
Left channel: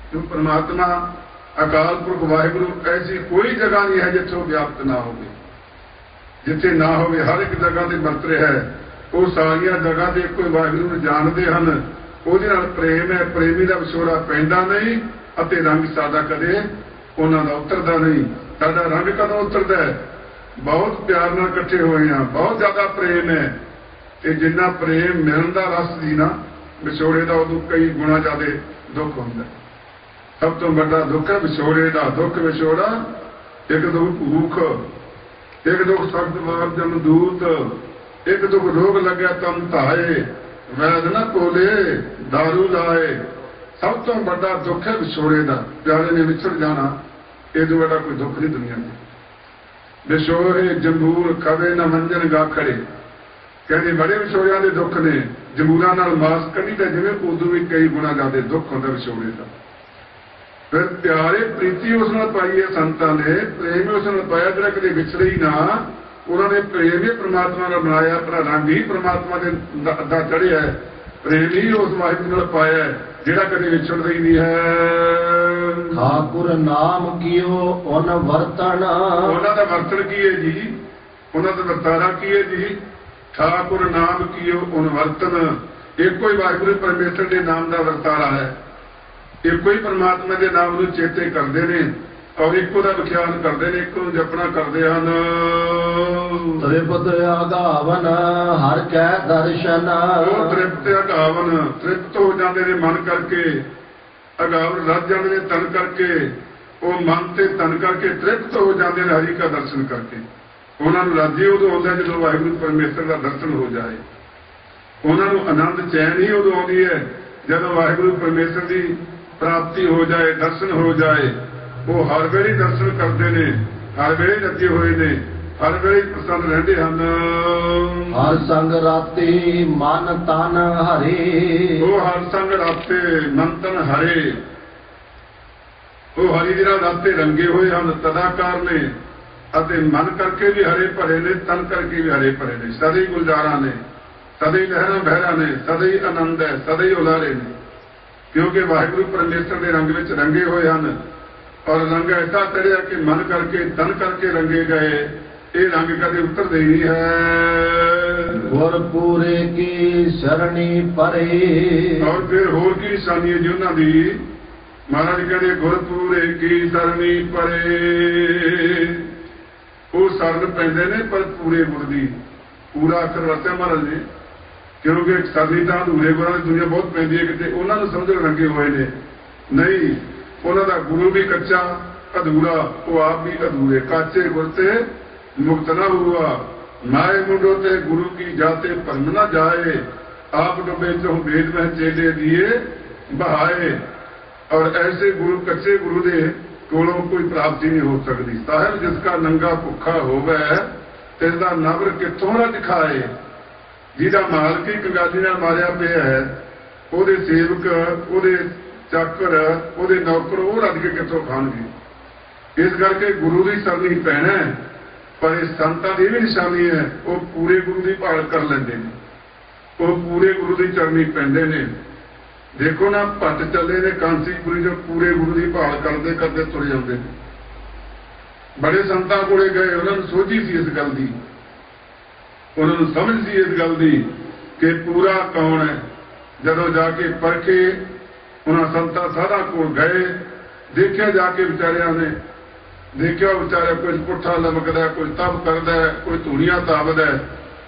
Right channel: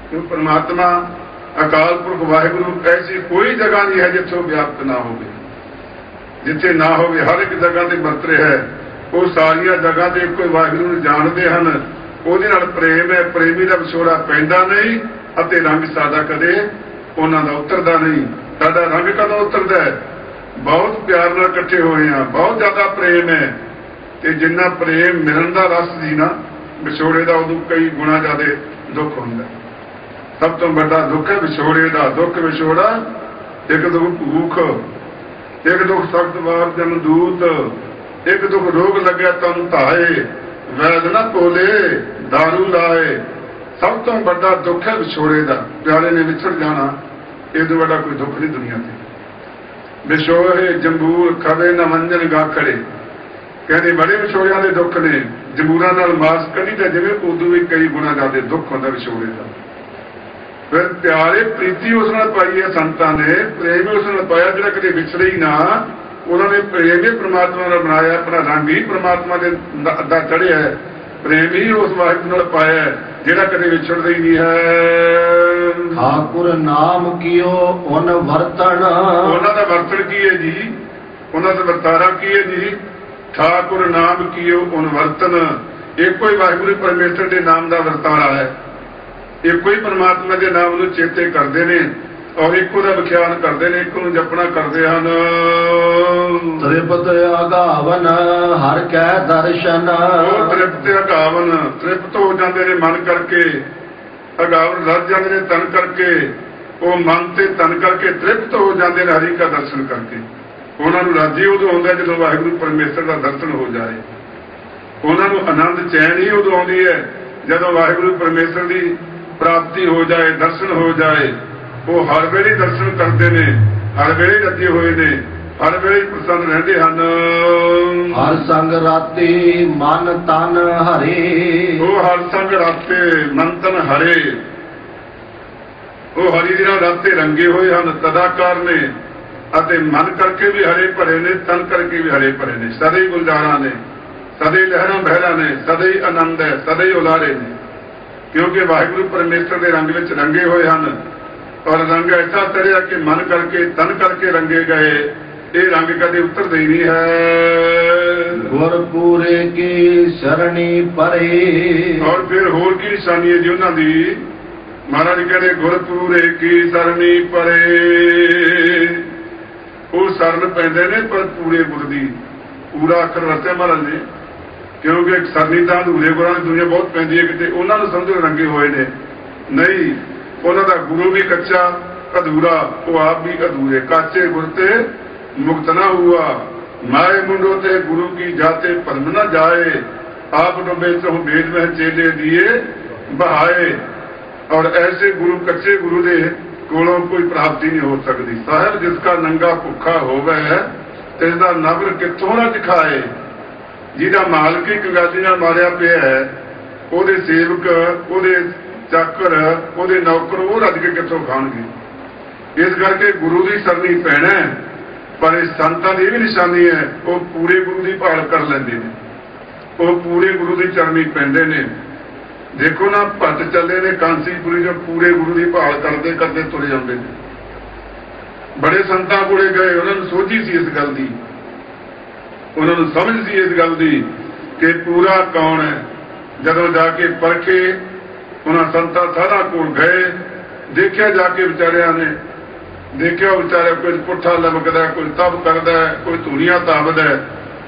ਕਿਉਂ? ਪਰਮਾਤਮਾ ਅਕਾਲ ਪੁਰਖ ਵਾਹਿਗੁਰੂ ਐਸੀ ਕੋਈ ਜਗ੍ਹਾ ਨਹੀਂ ਹੈ ਜਿੱਥੋਂ ਵਿਆਪਤ ਨਾ ਹੋਵੇ, ਜਿੱਥੇ ਨਾ ਹੋਵੇ, ਹਰ ਇੱਕ ਜਗ੍ਹਾ ਤੇ ਵਰਤ ਰਿਹਾ ਹੈ। ਉਹ ਸਾਰੀਆਂ ਜਗ੍ਹਾ ਤੇ ਕੋਈ ਵਾਹਿਗੁਰੂ ਨੂੰ ਜਾਣਦੇ ਹਨ, ਉਹਦੇ ਨਾਲ ਪ੍ਰੇਮ ਹੈ। ਪ੍ਰੇਮੀ ਦਾ ਵਿਛੋੜਾ ਪੈਂਦਾ ਨਹੀਂ ਅਤੇ ਰੰਗ ਸਾਡਾ ਕਦੇ ਉਹਨਾਂ ਦਾ ਉਤਰਦਾ ਨਹੀਂ। ਸਾਡਾ ਰੰਗ ਕਦੋਂ ਉਤਰਦਾ ਹੈ? ਬਹੁਤ ਪਿਆਰ ਨਾਲ ਇਕੱਠੇ ਹੋਏ ਹਾਂ, ਬਹੁਤ ਜ਼ਿਆਦਾ ਪ੍ਰੇਮ ਹੈ, ਤੇ ਜਿੰਨਾ ਪ੍ਰੇਮ ਮਿਲਣ ਦਾ ਰਸ ਸੀ ਨਾ, ਵਿਛੋੜੇ ਦਾ ਉਦੋਂ ਕਈ ਗੁਣਾ ਜ਼ਿਆਦਾ ਦੁੱਖ ਹੁੰਦਾ। ਸਭ ਤੋਂ ਵੱਡਾ ਦੁੱਖ ਹੈ ਵਿਛੋੜੇ ਦਾ। ਦੁੱਖ ਵਿਛੋੜਾ, ਇੱਕ ਦੁੱਖ ਭੂਖ, ਇੱਕ ਦੁੱਖ ਸਖਤ ਵਾਰ ਜਨ ਦੂਤ, ਇੱਕ ਦੁੱਖ ਰੋਗ ਲੱਗਿਆ ਤਨ ਧਾਏ, ਵੈਦ ਨਾ ਤੋਲੇ ਦਾਰੂ ਲਾਏ। ਸਭ ਤੋਂ ਵੱਡਾ ਦੁੱਖ ਹੈ ਵਿਛੋੜੇ ਦਾ। ਪਿਆਰੇ ਨੇ ਵਿਛੜ ਜਾਣਾ, ਇਹ ਤੋਂ ਵੱਡਾ ਕੋਈ ਦੁੱਖ ਨਹੀਂ ਦੁਨੀਆ ਤੇ। ਵਿਛੋੜੇ ਜੰਬੂਰ ਕਦੇ ਨਾ ਮੰਜ਼ਲ ਗਾਖੜੇ, ਕਹਿੰਦੇ ਬੜੇ ਵਿਛੋੜਿਆਂ ਦੇ ਦੁੱਖ ਨੇ। ਜੰਬੂਰਾਂ ਨਾਲ ਮਾਸ ਕੜੀ ਤਾਂ ਜਿਵੇਂ ਉਦੋਂ ਵੀ ਕਈ ਗੁਣਾ ਜ਼ਿਆਦਾ ਦੁੱਖ ਹੁੰਦਾ ਵਿਛੋੜੇ ਦਾ। ਫਿਰ ਪਿਆਰੇ ਪ੍ਰੀਤੀ ਉਸ ਨਾਲ ਪਾਈ ਹੈ ਸੰਤਾਂ ਨੇ, ਪ੍ਰੇਮ ਉਸ ਨਾਲ ਪਾਇਆ ਜਿਹੜਾ ਕਦੇ ਵਿਛੜੇ ਹੀ ਨਾ। ਉਹਨਾਂ ਨੇ ਪ੍ਰੇਮ ਹੀ ਪ੍ਰਮਾਤਮਾ ਨਾਲ ਬਣਾਇਆ, ਆਪਣਾ ਰੰਗ ਹੀ ਪ੍ਰਮਾਤਮਾ ਦੇ ਦਾ ਚੜ੍ਹਿਆ, ਪ੍ਰੇਮ ਹੀ ਉਸ ਵਾਹਿਗੁਰੂ ਨਾਲ ਪਾਇਆ ਜਿਹੜਾ ਕਦੇ ਵਿਛੜਦਾ ਹੀ ਨਹੀਂ ਹੈ। ਠਾਕੁਰ ਨਾਮ ਕੀਓ ਉਨ ਵਰਤਣ। ਉਹਨਾਂ ਦਾ ਵਰਤਣ ਕੀ ਹੈ ਜੀ? ਉਹਨਾਂ ਦਾ ਵਰਤਾਰਾ ਕੀ ਹੈ ਜੀ? ਠਾਕੁਰ ਨਾਮ ਕੀਓ ਉਨ ਵਰਤਨ। ਇੱਕੋ ਹੀ ਵਾਹਿਗੁਰੂ ਪਰਮੇਸ਼ਰ ਦੇ ਨਾਮ ਦਾ ਵਰਤਾਰਾ ਹੈ। ਇੱਕੋ ਹੀ ਪਰਮਾਤਮਾ ਦੇ ਨਾਮ ਨੂੰ ਚੇਤੇ ਕਰਦੇ ਨੇ ਔਰ ਇੱਕੋ ਦਾ ਵਿਖਿਆਨ ਕਰਦੇ ਨੇ, ਇੱਕੋ ਨੂੰ ਜਪਣਾ ਕਰਦੇ ਹਨ। ਤ੍ਰਿਪਤ ਅਗਾਵਨ ਹਰ ਕੈ ਦਰਸ਼ਨ। ਉਹ ਤ੍ਰਿਪਤ ਅਗਾਵਨ, ਤ੍ਰਿਪਤ ਹੋ ਜਾਂਦੇ ਨੇ ਮਨ ਕਰਕੇ, ਅਗਾਵਨ ਰੱਜ ਜਾਂਦੇ ਨੇ ਤਨ ਕਰਕੇ। ਉਹ ਮਨ ਤੇ ਤਨ ਕਰਕੇ ਤ੍ਰਿਪਤ ਹੋ ਜਾਂਦੇ ਨੇ ਹਰੀ ਦਾ ਦਰਸ਼ਨ ਕਰਕੇ। ਉਹਨਾਂ ਨੂੰ ਰਾਜੀ ਉਦੋਂ ਆਉਂਦਾ ਜਦੋਂ ਵਾਹਿਗੁਰੂ ਪਰਮੇਸ਼ਰ ਦਾ ਦਰਸ਼ਨ ਹੋ ਜਾਏ। ਉਹਨਾਂ ਨੂੰ ਆਨੰਦ ਚੈਨ ਹੀ ਉਦੋਂ ਆਉਂਦੀ ਹੈ ਜਦੋਂ ਵਾਹਿਗੁਰੂ ਪਰਮੇਸ਼ਰ ਦੀ ਪ੍ਰਾਪਤੀ ਹੋ ਜਾਏ, ਦਰਸ਼ਨ ਹੋ ਜਾਏ। ਉਹ ਹਰ ਵੇਲੇ ਦਰਸ਼ਨ ਕਰਦੇ ਨੇ, ਹਰ ਵੇਲੇ ਰੱਜੇ ਹੋਏ ਨੇ, ਹਰ ਵੇਲੇ ਪ੍ਰਸੰਨ ਰਹਿੰਦੇ ਹਨ। ਹਰ ਸੰਗ ਰਾਤੀ ਮਨ ਤਨ ਹਰੇ। ਉਹ ਹਰ ਸੰਗ ਰਾਤੇ ਮਨ ਤਨ ਹਰੇ। ਉਹ ਹਰੀ ਦੇ ਰਾਤੇ ਰੰਗੇ ਹੋਏ ਹਨ, ਤਦਾਕਾਰ ਨੇ ਅਤੇ ਮਨ ਕਰਕੇ ਵੀ ਹਰੇ ਭਰੇ ਨੇ, ਤਨ ਕਰਕੇ ਵੀ ਹਰੇ ਭਰੇ ਨੇ। ਸਦਾ ਹੀ ਗੁਲਜ਼ਾਰਾਂ ਨੇ, ਸਦਾ ਹੀ ਲਹਿਰਾਂ ਬਹਿਰਾਂ ਨੇ, ਸਦਾ ਹੀ ਆਨੰਦ ਹੈ, ਸਦਾ ਹੀ ਉਲਾਰੇ ਨੇ। ਕਿਉਂਕਿ ਵਾਹਿਗੁਰੂ ਪਰਮੇਸ਼ਰ ਦੇ ਰੰਗ ਵਿੱਚ ਰੰਗੇ ਹੋਏ ਹਨ ਔਰ ਰੰਗ ਐਸਾ ਚੜਿਆ ਕਿ ਮਨ ਕਰਕੇ ਤਨ ਕਰਕੇ ਰੰਗੇ ਗਏ। ਇਹ ਰੰਗ ਕਦੇ ਉਤਰਦੇ ਹੀ ਨਹੀਂ ਹੈ। ਗੁਰ ਪੂਰੇ ਕੀ ਸ਼ਰਣੀ ਪਰੇ। ਔਰ ਫਿਰ ਹੋਰ ਕੀ ਨਿਸ਼ਾਨੀ ਹੈ ਜੀ ਉਹਨਾਂ ਦੀ? ਮਹਾਰਾਜ ਕਹਿੰਦੇ ਗੁਰ ਪੂਰੇ ਕੀ ਸ਼ਰਣੀ ਪਰੇ। ਉਹ ਸ਼ਰਨ ਪੈਂਦੇ ਨੇ ਪਰ ਪੂਰੇ ਗੁਰ ਦੀ। ਪੂਰਾ ਅੱਖਰ ਵਰਤਿਆ ਮਹਾਰਾਜ ਨੇ, ਕਿਉਂਕਿ ਇੱਕ ਸਰਨੀ ਤਾਂ ਅਧੂਰੇ ਗੁਰਾਂ ਦੀ ਦੁਨੀਆ ਬਹੁਤ ਪੈਂਦੀ ਹੈ ਕਿਤੇ। ਉਹਨਾਂ ਨੂੰ ਸਮਝ ਰੰਗੇ ਹੋਏ ਨੇ ਨਹੀਂ। ਉਹਨਾਂ ਦਾ ਗੁਰੂ ਵੀ ਕੱਚਾ ਅਧੂਰਾ, ਉਹ ਆਪ ਵੀ ਅਧੂਰੇ। ਕਾਚੇ ਗੁਰ ਤੇ ਮੁਕਤ ਨਾ ਹੁਆ, ਮਾਰੇ ਮੁੰਡੋ ਤੇ ਗੁਰੂ ਕੀ ਜਾਤੇ ਭਰਮ ਨਾ ਜਾਏ। ਆਪ ਡੁੱਬੇ ਤੋਂ ਭੇਦ ਵਿੱਚ ਚੇਲੇ ਦੀਏ ਬਹਾਏ। ਔਰ ਐਸੇ ਗੁਰੂ, ਕੱਚੇ ਗੁਰੂ ਦੇ ਕੋਲੋਂ ਕੋਈ ਪ੍ਰਾਪਤੀ ਨਹੀਂ ਹੋ ਸਕਦੀ। ਸਾਹਿਬ ਜਿਸਕਾ ਨੰਗਾ ਭੁੱਖਾ ਹੋਵੇ ਤੇ ਇਹਦਾ ਨਗਰ ਕਿੱਥੋਂ ਨਾ ਦਿਖਾਏ। ਜਿਹਦਾ ਮਾਲਕ ਹੀ ਕੰਗਾਲੀ ਨਾਲ ਮਾਰਿਆ ਪਿਆ ਹੈ, ਉਹਦੇ ਸੇਵਕ, ਉਹਦੇ ਚਾਕਰ, ਉਹਦੇ ਨੌਕਰ ਉਹ ਰੱਜ ਕੇ ਕਿੱਥੋਂ ਖਾਣਗੇ। ਇਸ ਕਰਕੇ ਗੁਰੂ ਦੀ ਸਰਨੀ ਪੈਣਾ। ਪਰ ਇਸ ਸੰਤਾਂ ਦੀ ਵੀ ਨਿਸ਼ਾਨੀ ਹੈ, ਉਹ ਪੂਰੇ ਗੁਰੂ ਦੀ ਭਾਲ ਕਰ ਲੈਂਦੇ ਨੇ, ਉਹ ਪੂਰੇ ਗੁਰੂ ਦੀ ਚਰਨੀ ਪੈਂਦੇ ਨੇ। ਦੇਖੋ ਨਾ, ਭੱਜ ਚੱਲੇ ਨੇ ਕਾਂਚੀਪੁਰੀ ਜੋ ਪੂਰੇ ਗੁਰੂ ਦੀ ਭਾਲ ਕਰਦੇ ਕਰਦੇ ਤੁਰੇ ਜਾਂਦੇ ਨੇ। ਬੜੇ ਸੰਤਾਂ ਕੋਲੇ ਗਏ, ਉਹਨਾਂ ਨੂੰ ਸੋਝੀ ਸੀ ਇਸ ਗੱਲ ਦੀ, ਉਹਨਾਂ ਨੂੰ ਸਮਝ ਸੀ ਇਸ ਗੱਲ ਦੀ ਕਿ ਪੂਰਾ ਕੌਣ ਹੈ। ਜਦੋਂ ਜਾ ਕੇ ਪਰਖੇ, ਉਹਨਾਂ ਸੰਤਾਂ ਸਾਧਾਂ ਕੋਲ ਗਏ, ਦੇਖਿਆ ਜਾ ਕੇ ਵਿਚਾਰਿਆਂ ਨੇ, ਦੇਖਿਆ ਵਿਚਾਰਿਆ ਕੁਝ ਪੁੱਠਾ ਲਮਕਦਾ, ਕੁਝ ਤਪ ਕਰਦਾ, ਕੋਈ ਧੂੜੀਆਂ ਤਾਪਦਾ,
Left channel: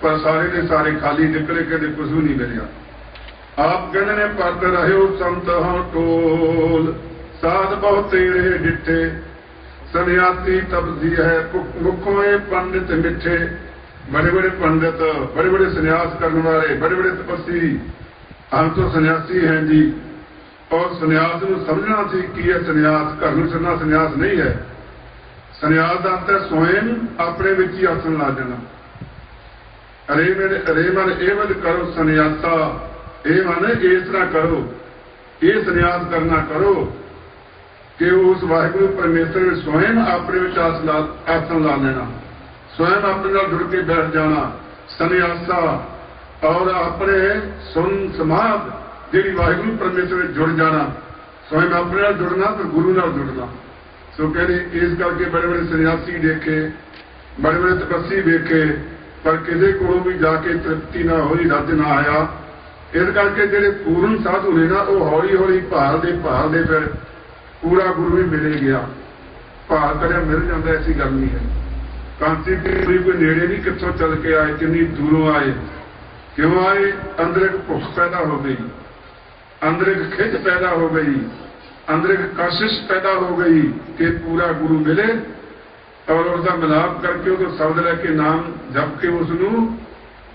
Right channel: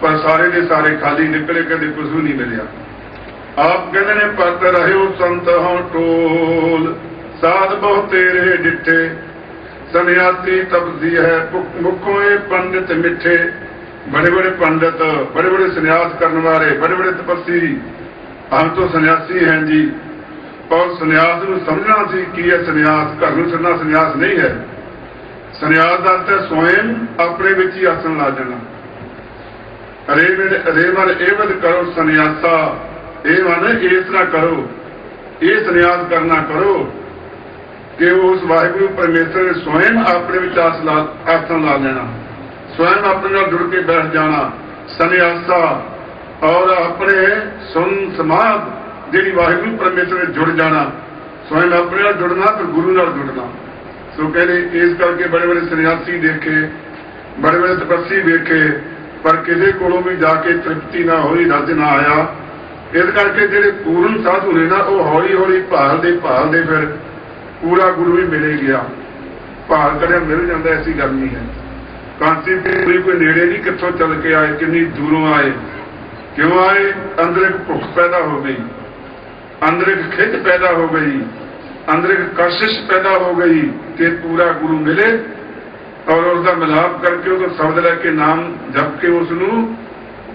ਪਰ ਸਾਰੇ ਦੇ ਸਾਰੇ ਖਾਲੀ ਨਿਕਲੇ। ਕਹਿੰਦੇ ਕੁਝ ਵੀ ਨਹੀਂ ਮਿਲਿਆ। ਆਪ ਕਹਿੰਦੇ ਨੇ ਪਤ ਰਹਿਓ ਸੰਤ ਹੋ ਟੋਲ, ਸਾਧ ਬਹੁ ਤੇਰੇ ਡਿੱਠੇ, ਸੰਨਿਆਸੀ ਤਪਸੀ ਹੈ ਮੁਖੋਂ ਪੰਡਿਤ ਮਿੱਠੇ। बड़े बड़े पंडित, बड़े बड़े संन्यास करने वाले, बड़े बड़े तपस्वी, हम तो सन्यासी हैं जी। और संन्यास को समझना चाहिए कि यह संन्यास घर में छड़ना संन्यास नहीं है। संन्यास का अर्थ है स्वयं अपने में ही आसन ला देना। अरे मन एवं करो संन्यासा, ये मन इस तरह करो, ये संन्यास करना करो कि वो उस वाहिगुरु परमेश्वर ने स्वयं अपने में आसन ला देना, स्वयं अपने ਨਾਲ जुड़ के बैठ जाना। संन्यासा और अपने सुन समाज जी वाहिगुरु परमेश्वर ने जुड़ जाना, स्वयं अपने ਨਾਲ जुड़ना फिर गुरु ਨਾਲ जुड़ना। तो कहते इस करके बड़े बड़े सन्यासी देखे, बड़े बड़े तपस्वी देखे, पर किसी को भी जाके तृप्ति ना होई, रज ना आया। इस करके ਜਿਹੜੇ पूर्ण साधु ने ना वो हौली हौली भालते फिर पूरा गुरु भी मिले गया। भाल करिया मिल जाता, ऐसी गल नहीं है। कांचीपुरी कोई नेड़े नहीं, कितों चल के आए, कितनी दूरों आए, क्यों आए? अंदर एक भुख पैदा हो गई, अंदर एक खिच पैदा हो गई, अंदर एक कशिश पैदा हो गई कि पूरा गुरु मिले और उसका मिलाप करके उसको शब्द लैके नाम जप के उसनू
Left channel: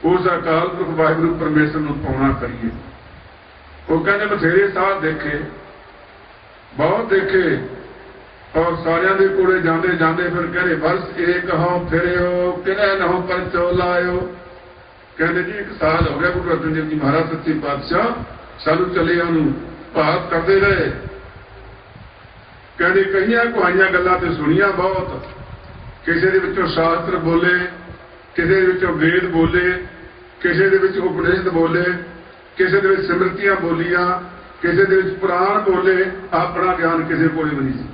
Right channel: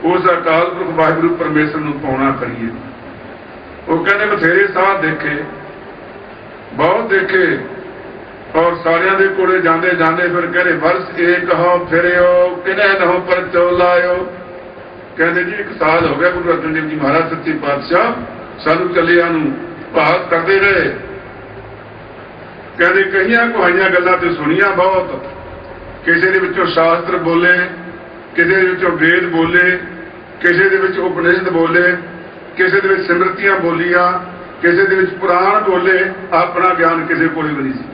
उस अकाल पुरख वाहिगुरु परमेश्वर नू पाउणा करिए। वो कहते बथेरे साध देखे, बहुत देखे, और सारिया के कोले जाते जाते फिर कहते वर्ष एक हो फिरो किले नहो पर चौलायो। कहते जी एक साल हो गया गुरु अर्जन देव जी महाराज सच्चे पातशाह साधु चलिया भाग करते रहे। कहते कई कुहाइया गल्लां ते सुनिया बहुत, किसी दे विचों शास्त्र बोले, किसी दे विचों वेद बोले, किसी दे विच उपनिषद बोले, किसी दे विच सिमरतियां बोलियां, ਕਿਸੇ ਦੇ ਵਿੱਚ ਪੁਰਾਣ ਬੋਲੇ, ਆਪਣਾ ਗਿਆਨ ਕਿਸੇ ਕੋਲ ਵੀ ਨਹੀਂ ਸੀ,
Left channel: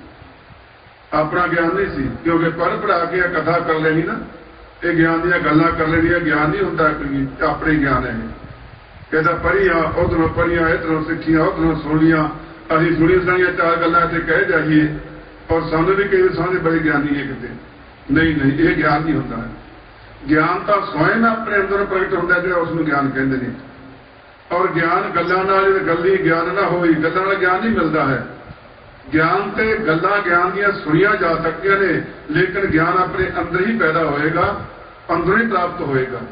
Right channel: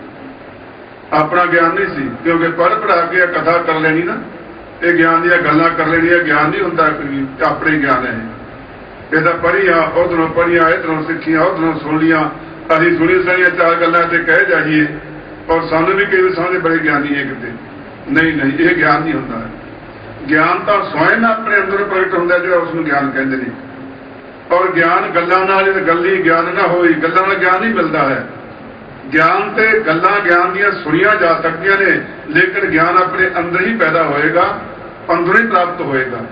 ਆਪਣਾ ਗਿਆਨ ਨਹੀਂ ਸੀ, ਕਿਉਂਕਿ ਪੜ੍ਹ ਪੜ੍ਹਾ ਕੇ ਕਥਾ ਕਰ ਲੈਣੀ ਨਾ, ਇਹ ਗਿਆਨ ਦੀਆਂ ਗੱਲਾਂ ਕਰ ਲੈਣੀਆਂ, ਗਿਆਨ ਨਹੀਂ ਹੁੰਦਾ ਕੋਈ, ਆਪਣੇ ਗਿਆਨ ਹੈ ਇਹ ਤਾਂ ਪੜ੍ਹੀਆਂ, ਉੱਧਰੋਂ ਪੜ੍ਹੀਆਂ, ਇੱਧਰੋਂ ਸਿੱਖੀਆਂ, ਉੱਧਰੋਂ ਸੁਣੀਆਂ, ਅਸੀਂ ਸੁਣੀ ਸੁਣੀਆਂ ਚਾਰ ਗੱਲਾਂ ਤੇ ਕਹਿ ਜਾਈਏ, ਪਰ ਸਾਨੂੰ ਵੀ ਕਈ ਸਾਡੇ ਬੜੇ ਗਿਆਨੀ ਹੈ ਕਿਤੇ, ਨਹੀਂ ਨਹੀਂ, ਇਹ ਗਿਆਨ ਨਹੀਂ ਹੁੰਦਾ। ਗਿਆਨ ਤਾਂ ਸਵੈਨ ਆਪਣੇ ਅੰਦਰ ਪ੍ਰਗਟ ਹੁੰਦਾ ਜਿਹੜਾ ਉਸ ਨੂੰ ਗਿਆਨ ਕਹਿੰਦੇ ਨੇ। ਔਰ ਗਿਆਨ ਗੱਲਾਂ ਨਾਲ, ਗੱਲੀ ਗਿਆਨ ਨਾ ਹੋਈ, ਗੱਲਾਂ ਨਾਲ ਗਿਆਨ ਨਹੀਂ ਮਿਲਦਾ ਹੈ। ਗਿਆਨ ਤੇ ਗੱਲਾਂ ਗਿਆਨ ਦੀਆਂ ਸੁਣੀਆਂ ਜਾ ਸਕਦੀਆਂ ਨੇ, ਲੇਕਿਨ ਗਿਆਨ ਆਪਣੇ ਅੰਦਰ ਹੀ ਪੈਦਾ ਹੋਏਗਾ, ਅੰਦਰੋਂ ਹੀ ਪ੍ਰਾਪਤ ਹੋਏਗਾ।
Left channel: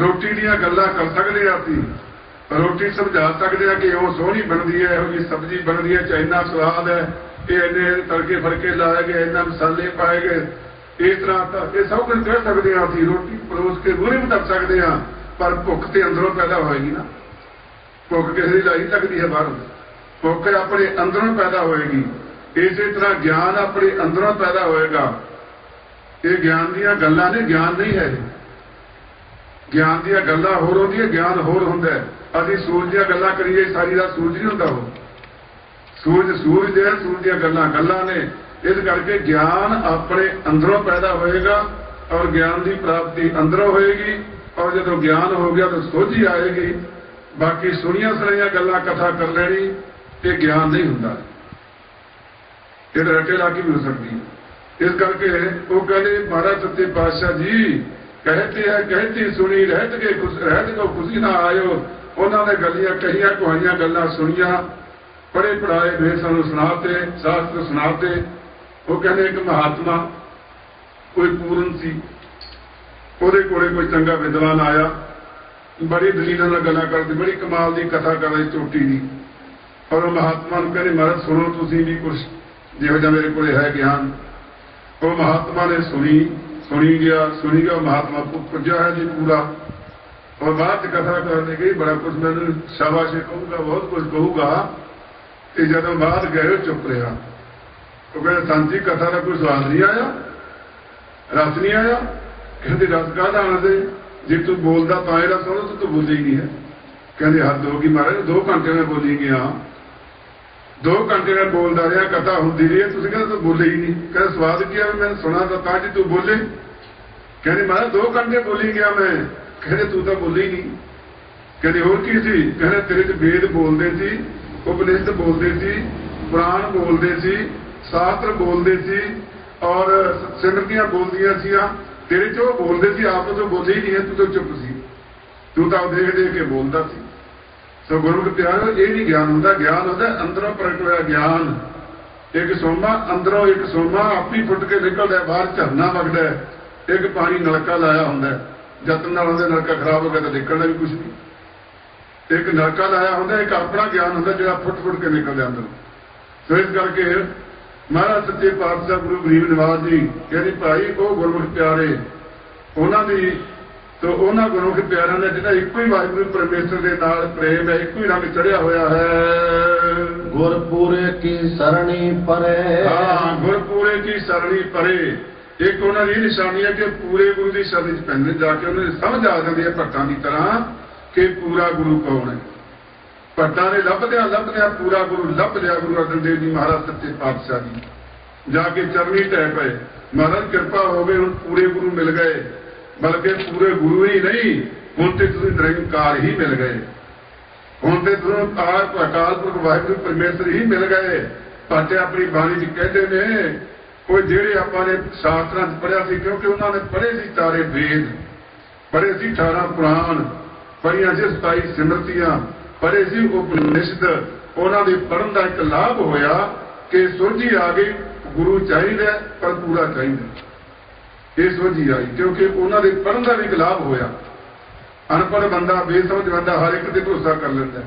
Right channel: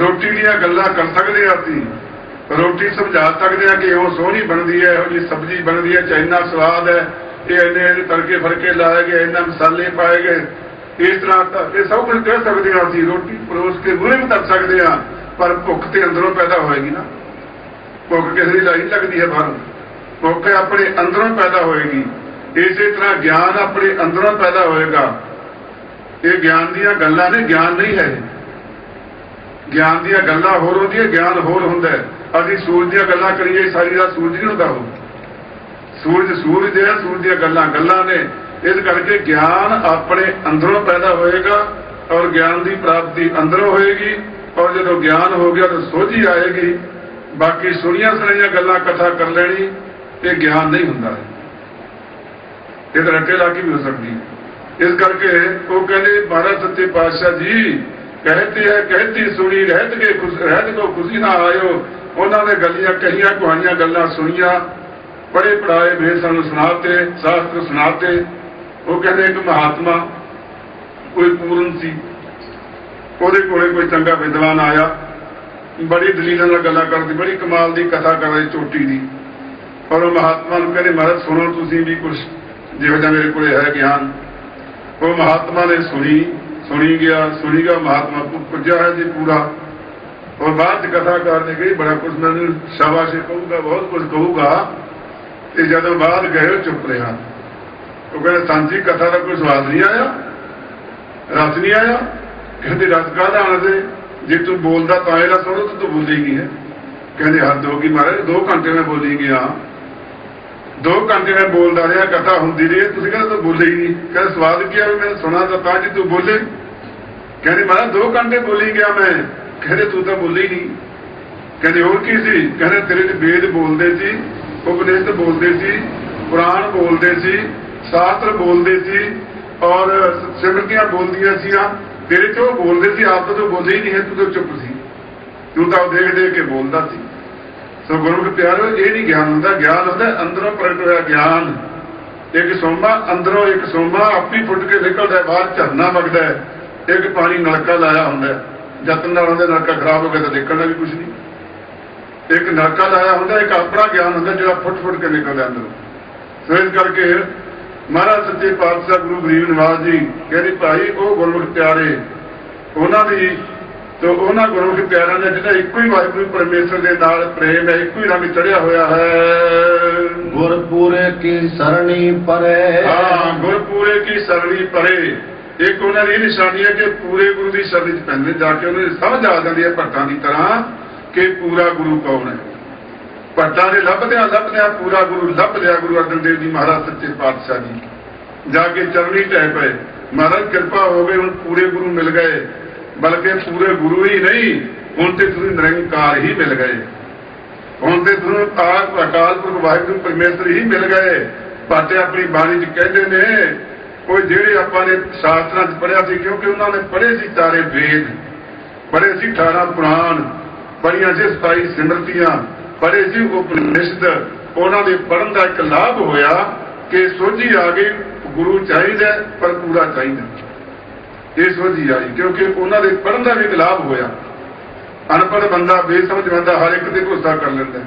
ਰੋਟੀ ਦੀਆਂ ਗੱਲਾਂ ਕਰ ਸਕਦੇ ਹਾਂ ਅਸੀਂ, ਰੋਟੀ ਸਮਝਾ ਸਕਦੇ ਹਾਂ ਕਿ ਉਹ ਸੋਹਣੀ ਬਣਦੀ ਹੈ, ਇਹੋ ਜਿਹੀ ਸਬਜ਼ੀ ਬਣਦੀ ਹੈ, ਇੰਨਾ ਸਵਾਦ ਹੈ, ਇਹ ਇੰਨੇ ਤੜਕੇ ਫੜਕੇ ਲਾਏ ਗਏ, ਇੰਨਾ ਮਸਾਲੇ ਪਾਏ ਗਏ, ਇਸ ਤਰ੍ਹਾਂ ਇਹ ਸਭ ਕੁਝ ਕਹਿ ਸਕਦੇ ਹਾਂ ਅਸੀਂ। ਰੋਟੀ ਪਰੋਸ ਕੇ ਮੂਹਰੇ ਵੀ ਕਰ ਸਕਦੇ ਹਾਂ, ਪਰ ਭੁੱਖ ਤੇ ਅੰਦਰੋਂ ਪੈਦਾ ਹੋਏਗੀ ਨਾ। ਭੁੱਖ ਕਿਸੇ ਦੀ ਲਾਈ ਲੱਗਦੀ ਹੈ ਬਾਹਰ, ਭੁੱਖ ਆਪਣੇ ਅੰਦਰੋਂ ਪੈਦਾ ਹੋਏਗੀ। ਇਸੇ ਤਰ੍ਹਾਂ ਗਿਆਨ ਆਪਣੇ ਅੰਦਰੋਂ ਪੈਦਾ ਹੋਏਗਾ। ਇਹ ਗਿਆਨ ਦੀਆਂ ਗੱਲਾਂ ਨੇ, ਗਿਆਨ ਨਹੀਂ ਹੈ। ਗਿਆਨ ਦੀਆਂ ਗੱਲਾਂ ਹੋਰ ਹੁੰਦੀਆਂ, ਗਿਆਨ ਹੋਰ ਹੁੰਦਾ। ਅਸੀਂ ਸੂਰਜ ਦੀਆਂ ਗੱਲਾਂ ਕਰੀਏ, ਸਾਰੀ ਰਾਤ ਸੂਰਜ ਨਹੀਂ ਹੁੰਦਾ, ਉਹ ਸੂਰਜ ਸੂਰਜ ਹੈ, ਸੂਰਜ ਦੀਆਂ ਗੱਲਾਂ ਗੱਲਾਂ ਨੇ। ਇਸ ਕਰਕੇ ਗਿਆਨ ਆਪਣੇ ਅੰਦਰੋਂ ਪੈਦਾ ਹੋਏਗਾ, ਔਰ ਗਿਆਨ ਦੀ ਪ੍ਰਾਪਤੀ ਅੰਦਰੋਂ ਹੋਏਗੀ। ਔਰ ਜਦੋਂ ਗਿਆਨ ਹੋ ਗਿਆ ਤਾਂ ਸੋਝੀ ਆਏਗੀ। ਬਾਕੀ ਸੁਣੀਆਂ ਸੁਣਾਈਆਂ ਗੱਲਾਂ ਕਥਾ ਕਰ ਲੈਣੀ, ਇਹ ਗਿਆਨ ਨਹੀਂ ਹੁੰਦਾ, ਇਹ ਤਾਂ ਰੱਟੇ ਲਾ ਕੇ ਹੋ ਸਕਦੀ। ਇਸ ਕਰਕੇ ਉਹ ਕਹਿੰਦੇ ਮਹਾਰਾਜ ਸੱਚੇ ਪਾਤਸ਼ਾਹ ਜੀ कहते हैं कहती सुनी रहत को खुशी ना आयो। उन्होंने गलियां कहियां कहानियां गल्लां सुनिया, बड़े पढ़ाए वे सानू सुनाते, शास्त्र सुनाते। वो कहते एक महात्मा कोई पूर्ण सी, ਉਹਦੇ ਕੋਲੇ ਕੋਈ ਚੰਗਾ ਵਿਦਵਾਨ ਆਇਆ, ਬੜੀ ਦਲੀਲਾਂ ਨਾਲ ਗੱਲਾਂ ਕਰਦੀ, ਬੜੀ ਕਮਾਲ ਦੀ ਕਥਾ ਕਰ ਰਹੀ ਚੋਟੀ ਦੀ। ਪਰ ਉਹ ਮਹਾਤਮਾ ਨੂੰ ਕਹਿੰਦੇ ਮਹਾਰਾਜ ਸੁਣੋ ਤੁਸੀਂ ਵੀ ਕੁਛ ਜਿਹੋ ਜਿਹਾ ਮੇਰੇ ਕੋਲੇ ਹੈ ਗਿਆਨ। ਉਹ ਮਹਾਤਮਾ ਨੇ ਸੁਣੀ ਗਿਆ ਮਹਾਤਮਾ ਪੁੱਜਾ ਹੈ ਜੀ ਪੂਰਾ। और बाद कथा करने गई, बड़ा कुछ मैंने शाबाश कहूँगा, बहुत कुछ कहूँगा। तो जब बाद गए चुप रहा। वो कहते सांची कथा का कोई स्वाद नहीं आया, रस नहीं आया। कहते रस का आने दे, जे तू बोलता तो आएगा सुनो तो तू बोलेगी है। कहते हद होगी महाराज, 2 घंटे में बोलेंगे। हाँ 2 घंटे में बोलता रहा, कथा होती रही है, तुम कहते तो बोलेगी। कहते स्वाद क्या मैं सुना तो कहा जी तू बोले। कहते महाराज 2 घंटे बोली गया मैं। कहते तू तो बोली नहीं। कहते और की सी। कहते तेरे च वेद बोलते सी, उपनिषद बोलते सी, पुराण बोलते सी, शास्त्र बोलते सी, और सिमरतियां बोलदियां सी। तेरे च वो बोलते सी, आप तो बोले ही नहीं है, तू तो चुप सी, तू तो देख देख के बोलता सी। सो गुरु प्यारे ये नहीं ज्ञान होता, ज्ञान होता अंदरों प्रगट होया ज्ञान। एक सोमा अंदरों, एक सोमा आपी फुट के निकलता है, बाहर झरना बगदा है। एक पानी नलका लाया होंगे, जतन नाल नलका खराब हो गया तो देखना भी कुछ नहीं। एक नलका लाया होंगे, एक अपना ज्ञान होता जो फुट फुट के निकलता अंदर। सो इस करके महाराज सच्चे पातशाह गुरु गरीब निवास जी कहते भाई वो गुरमुख प्यारे उन्होंने तो उन्होंने गुरमुख प्यारों का जिहड़ा इको ही वाहिगुरू परमेश्वर के नाल प्रेम है, इको ही रंग चढ़िया होया है। गुरपुरे की सरणी परे। हाँ गुरपुरे की सरणी परे। एक उन्होंने ये निशानी है कि पूरे गुरु की शरण च पैंदे, जाके उन्हें समझ आ जाती है भट्टां की तरह कि पूरा गुरु कौन है। भट्टां ने लभदिया पूरा गुरु लभ लिया। गुरु अर्जन देव जी महाराज सच्चे पातशाह जी जाके चरणी टह पे, महाराज कृपा हो गई, हम पूरे गुरु मिल गए। बल्कि पूरे गुरु ही नहीं, ਹੁਣ ਤੇ ਤੁਸੀਂ ਨਿਰੰਕਾਰ ਹੀ ਮਿਲ ਗਏ। ਹੁਣ ਤੇ ਤੁਹਾਨੂੰ ਅਕਾਲ ਪੁਰਖ ਵਾਹਿਗੁਰੂ ਪਰਮੇਸ਼ਰ ਹੀ ਮਿਲ ਗਏ। ਬਾਟੇ ਆਪਣੀ ਬਾਣੀ 'ਚ ਕਹਿੰਦੇ ਨੇ ਕੋਈ ਜਿਹੜੇ ਆਪਾਂ ਨੇ ਸ਼ਾਸਤਰਾਂ 'ਚ ਪੜ੍ਹਿਆ ਸੀ, ਕਿਉਂਕਿ ਉਹਨਾਂ ਨੇ ਪੜ੍ਹੇ ਸੀ 4 ਵੇਦ, ਪੜ੍ਹੇ ਸੀ 18 ਪੁਰਾਣ, ਪੜ੍ਹੀਆਂ ਸੀ 27 ਸਿਮਰਤੀਆਂ, ਪੜ੍ਹੇ ਸੀ ਉਪਨਿਸ਼ਦ। ਉਹਨਾਂ ਦੇ ਪੜ੍ਹਨ ਦਾ ਇੱਕ ਲਾਭ ਹੋਇਆ ਕਿ ਸੋਝੀ ਆ ਗਈ, ਗੁਰੂ ਚਾਹੀਦਾ ਪਰ ਪੂਰਾ ਚਾਹੀਦਾ। ਇਹ ਸੋਝੀ ਆਈ ਕਿਉਂਕਿ ਉਹਨਾਂ ਦੇ ਪੜ੍ਹਨ ਦਾ ਵੀ ਇੱਕ ਲਾਭ ਹੋਇਆ। ਅਨਪੜ੍ਹ ਬੰਦਾ ਬੇਸਮਝ ਬੰਦਾ ਹਰ ਇੱਕ ਤੇ ਭਰੋਸਾ ਕਰ ਲੈਂਦਾ,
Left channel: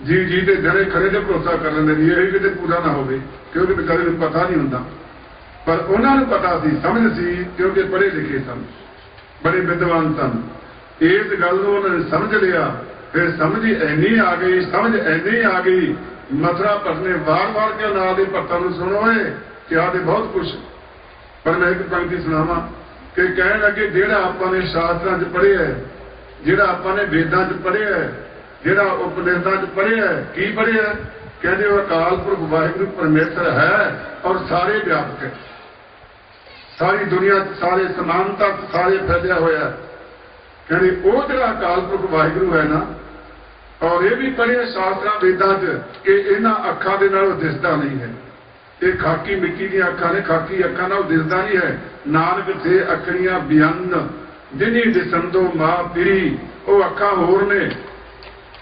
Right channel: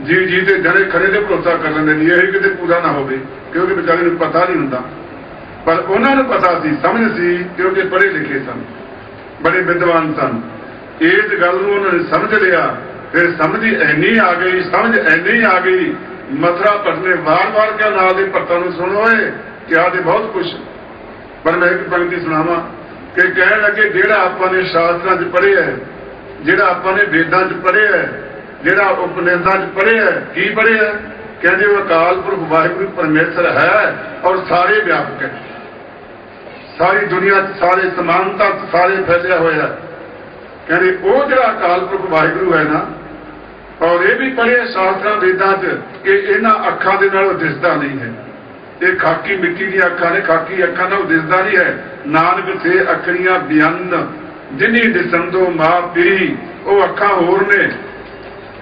ਜੀ ਤੇ ਜਣੇ ਖੜੇ ਤੇ ਭਰੋਸਾ ਕਰ ਲੈਂਦੇ ਜੀ, ਇਹ ਕਿਤੇ ਪੂਰਾ ਨਾ ਹੋਵੇ, ਕਿਉਂਕਿ ਵਿਚਾਰੇ ਨੂੰ ਪਤਾ ਨਹੀਂ ਹੁੰਦਾ। ਪਰ ਉਹਨਾਂ ਨੂੰ ਪਤਾ ਸੀ, ਸਮਝ ਸੀ, ਕਿਉਂਕਿ ਪੜ੍ਹੇ ਲਿਖੇ ਸਨ, ਬੜੇ ਵਿਦਵਾਨ ਸਨ। ਇਸ ਗੱਲ ਨੂੰ ਉਹਨਾਂ ਨੇ ਸਮਝ ਲਿਆ। ਫਿਰ ਸਮਝ ਇੰਨੀ ਆ ਗਈ, ਸਮਝ ਇੰਨੀ ਆ ਗਈ, ਮਥੁਰਾ ਭੱਟ ਨੇ ਵਾਰ-ਵਾਰ ਕਿਹਾ ਨਾਲ ਦੇ ਭੱਟਾਂ ਨੂੰ ਸੁਣੋ ਕਿਹਾ ਤੇ ਬਹੁਤ ਕੁਛ। ਪਰ ਮੈਂ ਇੱਕ ਪੰਕਤੀ ਸੁਣਾਵਾਂ ਕਿ ਕਹਿਣ ਲੱਗੇ ਜਿਹੜਾ ਆਪਾਂ ਨੇ ਸ਼ਾਸਤਰਾਂ 'ਚ ਪੜ੍ਹਿਆ, ਜਿਹੜਾ ਆਪਾਂ ਨੇ ਵੇਦਾਂ 'ਚ ਪੜ੍ਹਿਆ, ਜਿਹੜਾ ਉਪਨਿਸ਼ਦਾਂ 'ਚ ਪੜ੍ਹਿਆ ਕੀ ਪੜ੍ਹਿਆ? ਕਹਿੰਦੇ ਉਹ ਅਕਾਲ ਪੁਰਖ ਵਾਹਿਗੁਰੂ ਪਰਮੇਸ਼ਰ ਹੈ ਔਰ ਸਾਰੇ ਵਿਆਪਕ ਹੈ, ਸਾਰੀ ਦੁਨੀਆ 'ਚ ਸਾਰੇ ਸਮਾਨਤਾ ਸਾਰੇ ਫੈਲਿਆ ਹੋਇਆ। ਕਹਿੰਦੇ ਉਹ ਜਿਹੜਾ ਅਕਾਲ ਪੁਰਖ ਵਾਹਿਗੁਰੂ ਹੈ ਨਾ, ਔਰ ਇਹ ਵੀ ਪੜ੍ਹਿਆ ਸ਼ਾਸਤਰਾਂ ਵੇਦਾਂ 'ਚ ਕਿ ਇਹਨਾਂ ਅੱਖਾਂ ਦੇ ਨਾਲ ਦਿਸਦਾ ਨਹੀਂ ਹੈ, ਇਹ ਖਾਕੀ ਮਿੱਟੀ ਦੀਆਂ ਅੱਖਾਂ ਨੇ, ਖਾਕੀ ਅੱਖਾਂ ਨਾਲ ਦਿਸਦਾ ਨਹੀਂ ਹੈ। ਨਾਨਕ ਸੇ ਅੱਖੀਆਂ ਬਿਆਨ ਜਿਨੀ ਦਿਸੰਦੋ ਮਾਂ ਪੀਰੀ, ਉਹ ਅੱਖਾਂ ਹੋਰ ਨੇ,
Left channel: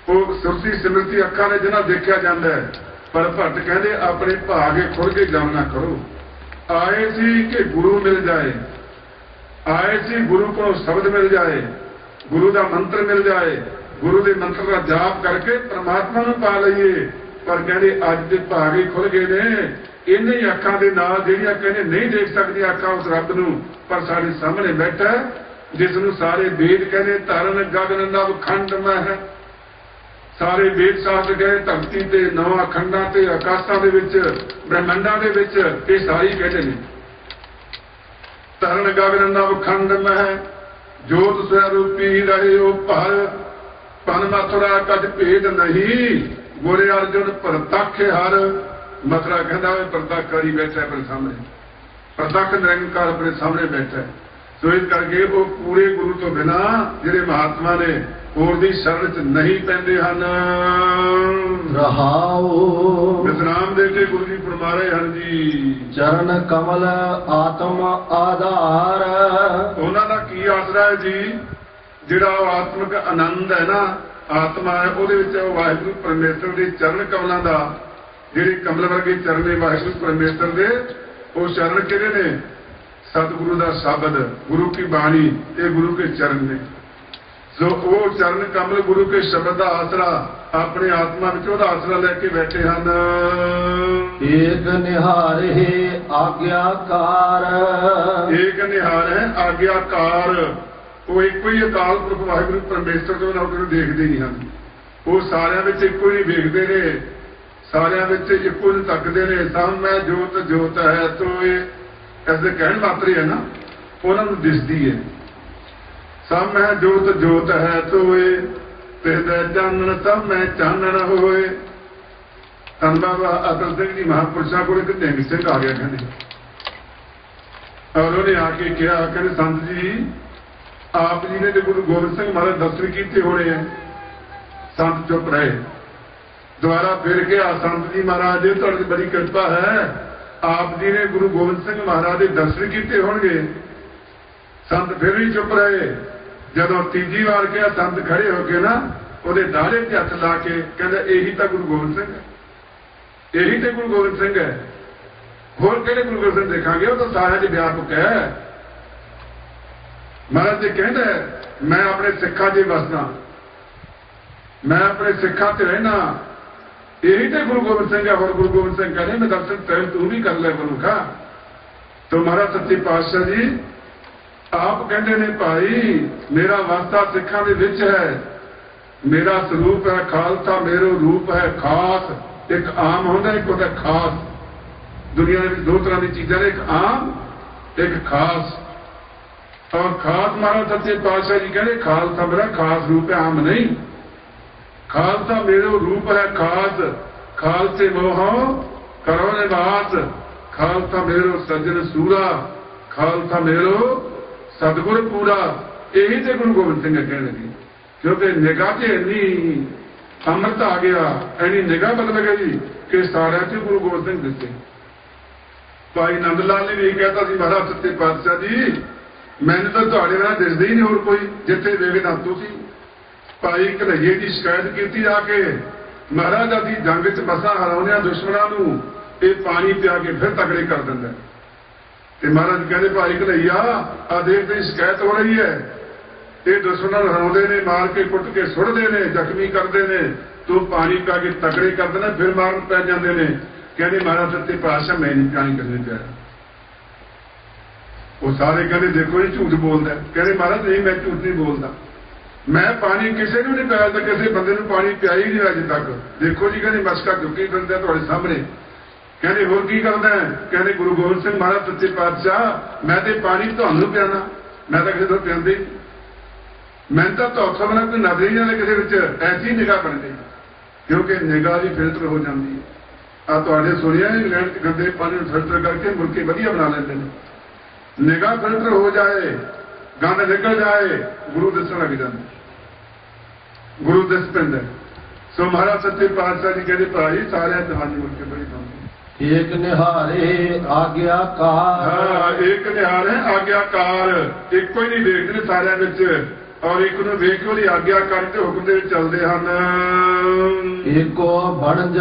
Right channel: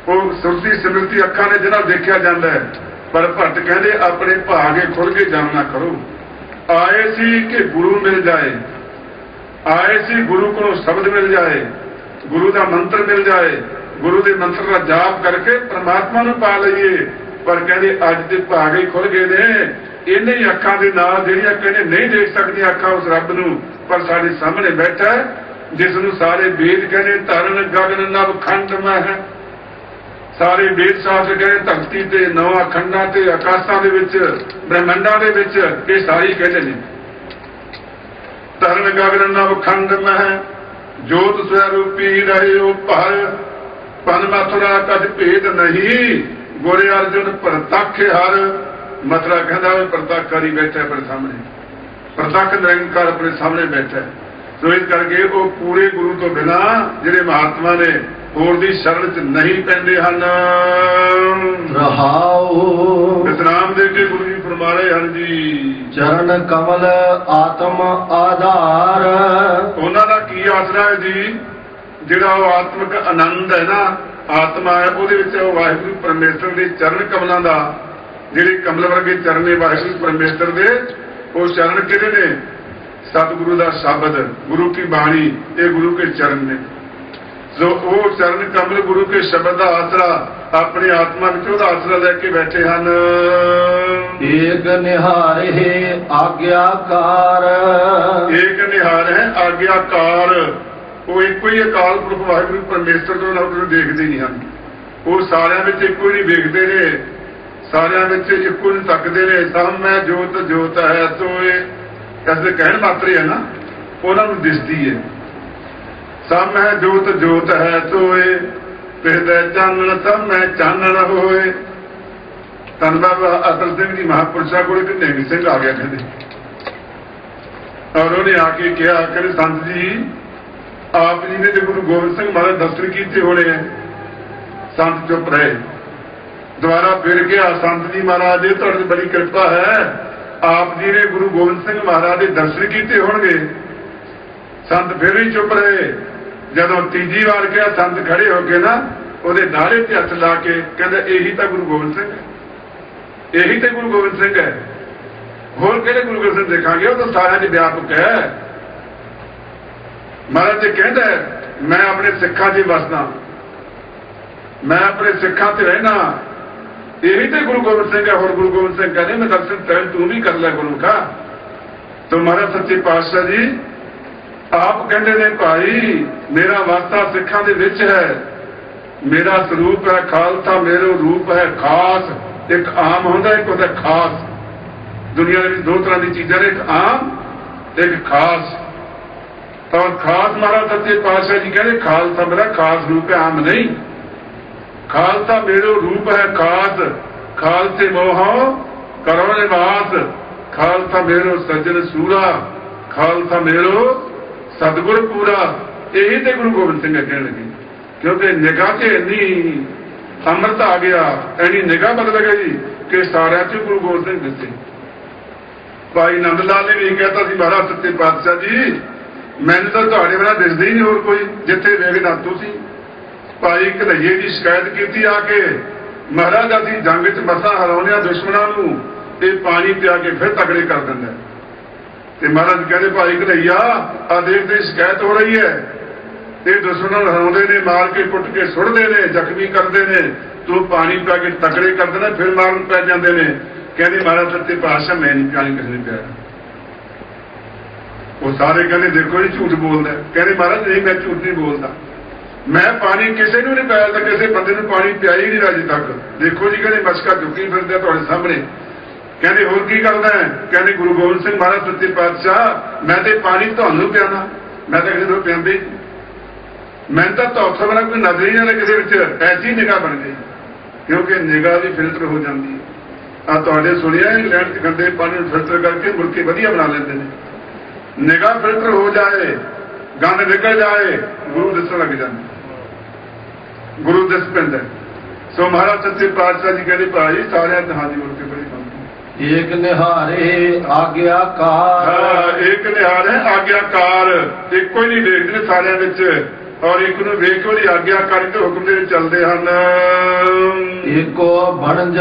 ਉਹ ਸੁਰਤੀ ਸਿਮਰਤੀ ਅੱਖਾਂ ਨੇ ਜਿਹਨਾਂ ਦੇਖਿਆ ਜਾਂਦਾ ਹੈ। ਪਰ ਭੱਟ ਕਹਿੰਦੇ ਆਪਣੇ ਭਾਗੇ ਖੁੱਲ ਕੇ ਜਾਮ ਨਾ ਕਰੋ। ਆਏ ਸੀ ਕਿ ਗੁਰੂ ਮਿਲ ਜਾਏ, ਆਏ ਸੀ ਗੁਰੂ ਕੋਲੋਂ ਸ਼ਬਦ ਮਿਲ ਜਾਏ, ਗੁਰੂ ਦਾ ਮੰਤਰ ਮਿਲ ਜਾਏ, ਗੁਰੂ ਦੇ ਮੰਤਰ ਦਾ ਜਾਪ ਕਰਕੇ ਪਰਮਾਤਮਾ ਨੂੰ ਪਾ ਲਈਏ। ਪਰ ਕਹਿੰਦੇ ਅੱਜ ਦੇ ਭਾਗੇ ਖੁੱਲ ਗਏ ਨੇ, ਇਹਨਾਂ ਹੀ ਅੱਖਾਂ ਦੇ ਨਾਲ ਜਿਹੜੀਆਂ ਕਹਿੰਦੇ ਨਹੀਂ ਦੇਖ ਸਕਦੀਆਂ ਅੱਖਾਂ ਉਸ ਰੱਬ ਨੂੰ, ਪਰ ਸਾਡੇ ਸਾਹਮਣੇ ਬੈਠਾ ਜਿਸ ਨੂੰ ਸਾਰੇ ਵੇਦ ਕਹਿੰਦੇ ਧਰਨ ਗਗਨ ਨਵ ਖੰਡ ਮਹਿ, ਸਾਰੇ ਵੇਦ ਸ਼ਾਸਤਰ ਕਹਿੰਦੇ ਧਰਤੀ ਤੇ ਨਵਾਂ ਖੰਡਾਂ ਤੇ ਆਕਾਸ਼ਾਂ ਦੇ ਵਿੱਚ ਬ੍ਰਹਮੰਡਾਂ ਦੇ ਵਿੱਚ ਇਹ ਸਾਰੀ ਕਹਿੰਦੇ ਨੇ ਧਰਨ ਗਗਨ ਨਵ ਖੰਡ ਮਹਿ, ਜੋਤ ਸਰੂਪੀ ਰਹਿਓ ਭਰ, ਪਨ ਮਥੁਰਾ ਕਦ ਭੇਦ ਨਹੀਂ, ਗੁਰੇ ਅਰਜੁਨ ਪ੍ਰਤੱਖ ਹਰ। ਮਥੁਰਾ ਕਹਿੰਦਾ ਉਹ ਪ੍ਰਤੱਖ ਕਰੀ ਬੈਠਾ ਆਪਣੇ ਸਾਹਮਣੇ, ਪ੍ਰਤੱਖ ਨਿਰੰਕਾਰ ਆਪਣੇ ਸਾਹਮਣੇ ਬੈਠਾ। ਸੋ ਇਸ ਕਰਕੇ ਉਹ ਪੂਰੇ ਗੁਰੂ ਤੋਂ ਬਿਨਾਂ ਜਿਹੜੇ ਮਹਾਤਮਾ ਨੇ ਹੋਰ ਦੀ ਸ਼ਰਨ 'ਚ ਨਹੀਂ ਪੈਂਦੇ ਹਨ। ਰਹਾਉ ਵਿਸਰਾਮ ਦੇ ਕੇ ਗੁਰੂ ਜੀ ਫਰਮਾ ਰਹੇ ਹਨ ਜੀ, ਚਰਨ ਕਮਲ ਆਤਮ ਆਧਾਰ। ਉਹਨਾਂ ਦਾ ਕੀ ਆਸਰਾ ਹੈ ਜੀ? ਜਿਹੜਾ ਉਹ ਆਤਮਿਕ ਆਨੰਦ ਹੈ ਨਾ, ਆਤਮਾ ਹੈ, ਉਹਦੇ ਵਿੱਚ ਉਹ ਵਾਹਿਗੁਰੂ ਪਰਮੇਸ਼ਰ ਦੇ ਚਰਨ ਕਮਲਾਂ ਦਾ, ਜਿਹੜੇ ਕਮਲ ਵਰਗੇ ਚਰਨ ਨੇ ਵਾਹਿਗੁਰੂ ਪਰਮੇਸ਼ਰ ਦੇ, ਉਹ ਚਰਨ ਕਿਹੜੇ ਨੇ? ਸਤਿਗੁਰੂ ਦਾ ਸ਼ਬਦ, ਗੁਰੂ ਕੀ ਬਾਣੀ, ਇਹ ਗੁਰੂ ਕੇ ਚਰਨ ਨੇ। ਜੋ ਉਹ ਚਰਨ ਕਮਲ ਗੁਰੂ ਕੇ ਸ਼ਬਦ ਦਾ ਆਸਰਾ ਆਪਣੀ ਆਤਮਾ ਵਿੱਚ ਉਹਦਾ ਆਸਰਾ ਲੈ ਕੇ ਬੈਠੇ ਹਨ। ਏਕ ਨਿਹਾਰੇ ਆਗਿਆਕਾਰ, ਏਕ ਨਿਹਾਰ ਹੈ ਆਗਿਆਕਾਰ। ਉਹ ਇੱਕੋ ਹੀ ਅਕਾਲ ਪੁਰਖ ਵਾਹਿਗੁਰੂ ਪਰਮੇਸ਼ਰ ਨੂੰ ਉਹਨਾਂ ਦੇਖਦੇ ਨਹੀਂ ਹਨ, ਉਹ ਸਾਰਿਆਂ ਵਿੱਚ ਇੱਕੋ ਹੀ ਵੇਖਦੇ ਨੇ, ਸਾਰਿਆਂ ਵਿੱਚ ਇੱਕੋ ਹੀ ਤੱਕਦੇ ਨੇ। ਸਭ ਮੈਂ ਜੋਤ ਜੋਤ ਹੈ ਤੋਏ, ਕਹਿੰਦੇ ਕਹਿਣ ਮਾਤਰ ਹੈ ਨਾ, ਉਹਨਾਂ ਨੂੰ ਦਿਸਦੀ ਹੈ। ਸਭ ਮੈਂ ਜੋਤ ਜੋਤ ਹੈ ਤੋਏ, ਤੇ ਚਾਨਣ ਸਭ ਮੈਂ ਚਾਨਣ ਹੋਏ। ਧੰਨ ਬਾਬਾ ਅਤਲ ਸਿੰਘ ਜੀ ਮਹਾਂਪੁਰਸ਼ਾਂ ਕੋਲ ਇੱਕ ਨਿਹੰਗ ਸਿੰਘ ਆ ਗਿਆ ਕਹਿੰਦੇ, ਔਰ ਉਹਨੇ ਆ ਕੇ ਕਿਹਾ, ਕਹਿੰਦੇ ਸੰਤ ਜੀ ਆਪ ਜੀ ਨੇ ਗੁਰੂ ਗੋਬਿੰਦ ਸਿੰਘ ਮਹਾਰਾਜ ਦਰਸ਼ਨ ਕੀਤੇ ਹੋਣੇ ਹੈ। ਸੰਤ ਚੁੱਪ ਰਹੇ। ਦੁਬਾਰਾ ਫਿਰ ਕਿਹਾ, ਸੰਤ ਜੀ ਮਹਾਰਾਜ ਜੀ ਤੁਹਾਡੀ ਬੜੀ ਕਿਰਪਾ ਹੈ, ਆਪ ਜੀ ਨੇ ਗੁਰੂ ਗੋਬਿੰਦ ਸਿੰਘ ਮਹਾਰਾਜ ਦੇ ਦਰਸ਼ਨ ਕੀਤੇ ਹੋਣਗੇ। ਸੰਤ ਫਿਰ ਵੀ ਚੁੱਪ ਰਹੇ। ਜਦੋਂ ਤੀਜੀ ਵਾਰ ਕਿਹਾ, ਸੰਤ ਖੜੇ ਹੋ ਕੇ ਨਾ ਉਹਦੇ ਦਾੜੇ ਤੇ ਹੱਥ ਲਾ ਕੇ ਕਹਿੰਦਾ, ਇਹੀ ਤਾਂ ਗੁਰੂ ਗੋਬਿੰਦ ਸਿੰਘ ਹੈ, ਇਹੀ ਤਾਂ ਗੁਰੂ ਗੋਬਿੰਦ ਸਿੰਘ ਹੈ, ਹੋਰ ਕਿਹੜੇ ਗੁਰੂ ਗੋਬਿੰਦ ਸਿੰਘ ਦੇਖਾਂਗੇ? ਉਹ ਤਾਂ ਸਾਰਿਆਂ 'ਚ ਵਿਆਪਕ ਹੈ। ਮਹਾਰਾਜ ਜੀ ਕਹਿੰਦਾ, ਮੈਂ ਆਪਣੇ ਸਿੱਖਾਂ 'ਚ ਹੀ ਵਸਦਾ, ਮੈਂ ਆਪਣੇ ਸਿੱਖਾਂ 'ਚ ਰਹਿਣਾ, ਇਹੀ ਤੇ ਗੁਰੂ ਗੋਬਿੰਦ ਸਿੰਘ ਹੈ। ਹੋਰ ਗੁਰੂ ਗੋਬਿੰਦ ਸਿੰਘ ਕਹਿੰਦੇ ਮੈਂ ਦਰਸ਼ਨ ਤੈਨ ਤੂੰ ਵੀ ਕਰ ਲੈ ਗੁਰੂ का। तो ਮਹਾਰਾਜ ਸੱਚੇ ਪਾਤਸ਼ਾਹ ਜੀ ਆਪ ਕਹਿੰਦੇ ਨੇ, ਭਾਈ ਮੇਰਾ ਵਾਸਤਾ ਸਿੱਖਾਂ ਦੇ ਵਿੱਚ ਹੈ, ਮੇਰਾ ਸਰੂਪ ਹੈ ਖਾਲਸਾ, ਮੇਰਾ ਰੂਪ ਹੈ ਖਾਸ। ਇੱਕ ਆਮ ਹੁੰਦਾ, ਇੱਕ ਹੁੰਦਾ ਖਾਸ। ਦੁਨੀਆ ਦੇ ਵਿੱਚ ਦੋ ਤਰ੍ਹਾਂ ਦੀ ਚੀਜ਼ਾਂ ਨੇ, ਇੱਕ ਆਮ, ਇੱਕ ਖਾਸ। ਤਾਂ ਖਾਸ ਮਹਾਰਾਜ ਸੱਚੇ ਪਾਤਸ਼ਾਹ ਜੀ ਕਹਿੰਦੇ, ਖਾਲਸਾ ਮੇਰਾ ਖਾਸ ਰੂਪ ਹੈ, ਆਮ ਨਹੀਂ। ਖਾਲਸਾ ਮੇਰਾ ਰੂਪ ਹੈ ਖਾਸ, ਖਾਲਸੇ ਮੋਹ ਕਰੋ ਨਿਵਾਸ। ਖਾਲਸਾ ਮੇਰੋ ਸੱਜਣ ਸੂਰਾ, ਖਾਲਸਾ ਮੇਰੋ ਸਤਿਗੁਰ ਪੂਰਾ। ਇਹੀ ਤੇ ਗੁਰੂ ਗੋਬਿੰਦ ਸਿੰਘ ਕਹਿਣਗੇ, ਕਿਉਂਕਿ ਨਿਗਾਹ 'ਚ ਇੰਨੀ ਅੰਮ੍ਰਿਤ ਆ ਗਿਆ, ਇੰਨੀ ਨਿਗਾਹ ਬਦਲ ਗਈ ਕਿ ਸਾਰਿਆਂ 'ਚ ਗੁਰੂ ਗੋਬਿੰਦ ਸਿੰਘ ਦਿੱਤੇ। ਭਾਈ ਨੰਦ ਲਾਲ ਨੇ ਵੀ ਕਹਿਤਾ ਸੀ, ਮਹਾਰਾਜ ਸੱਚੇ ਪਾਤਸ਼ਾਹ ਜੀ ਮੈਨੂੰ ਤਾਂ ਤੁਹਾਡੇ ਨਾਲ ਦਿਸਦਾ ਹੀ ਨਹੀਂ ਹੋਰ ਕੋਈ, ਜਿੱਥੇ ਵੇਖਣਾ ਤੁਸੀਂ। ਭਾਈ ਕਨ੍ਹਈਏ ਦੀ ਸ਼ਿਕਾਇਤ ਕੀਤੀ ਆ ਕੇ, ਮਹਾਰਾਜ ਅਸੀਂ ਜੰਗ 'ਚ ਮਸਾਂ ਹਰਾਉਂਦੇ ਆ ਦੁਸ਼ਮਣਾਂ ਨੂੰ, ਇਹ ਪਾਣੀ ਪਿਆ ਕੇ ਫਿਰ ਤਕੜੇ ਕਰ ਦਿੰਦਾ। ਤੇ ਮਹਾਰਾਜ ਕਹਿੰਦੇ, ਭਾਈ ਕਨ੍ਹਈਆ ਆ ਦੇਖ ਤੇ ਸ਼ਿਕਾਇਤ ਹੋ ਰਹੀ ਹੈ, ਇਹ ਦੁਸ਼ਮਣਾਂ ਨੂੰ ਹਰਾਉਂਦੇ ਨੇ, ਮਾਰ ਕੇ ਕੁੱਟ ਕੇ ਸੁੱਟਦੇ ਨੇ, ਜ਼ਖਮੀ ਕਰਦੇ ਨੇ, ਤੂੰ ਪਾਣੀ ਪਾ ਕੇ ਤਕੜੇ ਕਰ ਦਿੰਦਾ, ਫਿਰ ਮਾਰਨ ਪੈ ਜਾਂਦੇ ਨੇ। ਕਹਿੰਦੇ ਮਹਾਰਾਜ ਸੱਚੇ ਪਾਤਸ਼ਾਹ ਮੈਂ ਨਹੀਂ ਪਾਣੀ ਕਿਸੇ ਨੇ ਪਿਆ। ਉਹ ਸਾਰੇ ਕਹਿੰਦੇ ਦੇਖੋ ਜੀ ਝੂਠ ਬੋਲਦਾ। ਕਹਿੰਦੇ ਮਹਾਰਾਜ ਨਹੀਂ, ਮੈਂ ਝੂਠ ਨਹੀਂ ਬੋਲਦਾ, ਮੈਂ ਪਾਣੀ ਕਿਸੇ ਨੂੰ ਨਹੀਂ ਪਿਆਇਆ, ਤਾਂ ਕਿਸੇ ਬੰਦੇ ਨੂੰ ਪਾਣੀ ਪਿਆਇਆ ਹੀ ਨਹੀਂ ਅਜੇ ਤੱਕ। ਦੇਖੋ ਜੀ ਕਹਿੰਦੇ ਮਸ਼ਕਾ ਚੁੱਕੀ ਫਿਰਦਾ ਤੁਹਾਡੇ ਸਾਹਮਣੇ। ਕਹਿੰਦੇ ਹੋਰ ਕੀ ਕਰਦਾ? ਕਹਿੰਦੇ ਗੁਰੂ ਗੋਬਿੰਦ ਸਿੰਘ ਮਹਾਰਾਜ ਸੱਚੇ ਪਾਤਸ਼ਾਹ ਮੈਂ ਤੇ ਪਾਣੀ ਤੁਹਾਨੂੰ ਪਿਆਣਾ, ਮੈਂ ਤਾਂ ਕਿਸੇ ਨੂੰ ਪਿਆਉਂਦੇ। मैं तो उत्थों वाला कोई नजर ही नहीं किसी ऐसी निगाह बन गई, क्योंकि निगाह भी फिल्टर हो जाती। आ तुहाडे सुनिया इंग्लैंड च गंदे पानी फिल्टर करके मुर्गी वधिया बना लेंदे ने। निगाह फिल्टर हो जाए, गंद निकल जाए, गुरु दिसण लग जाए, गुरु दिस पैंदा। सो महाराज सच्चे पातशाह जी कहते भाई सारे जहां की मुर्गी बड़ी एक निहारे आज्ञाकार। हाँ, एक निहारे आज्ञाकार, एक ही नहीं देखते सारे विच, और एक नूं वेख के उहदी आज्ञाकारी ते हुक्म दे चलदे हन। एको बनज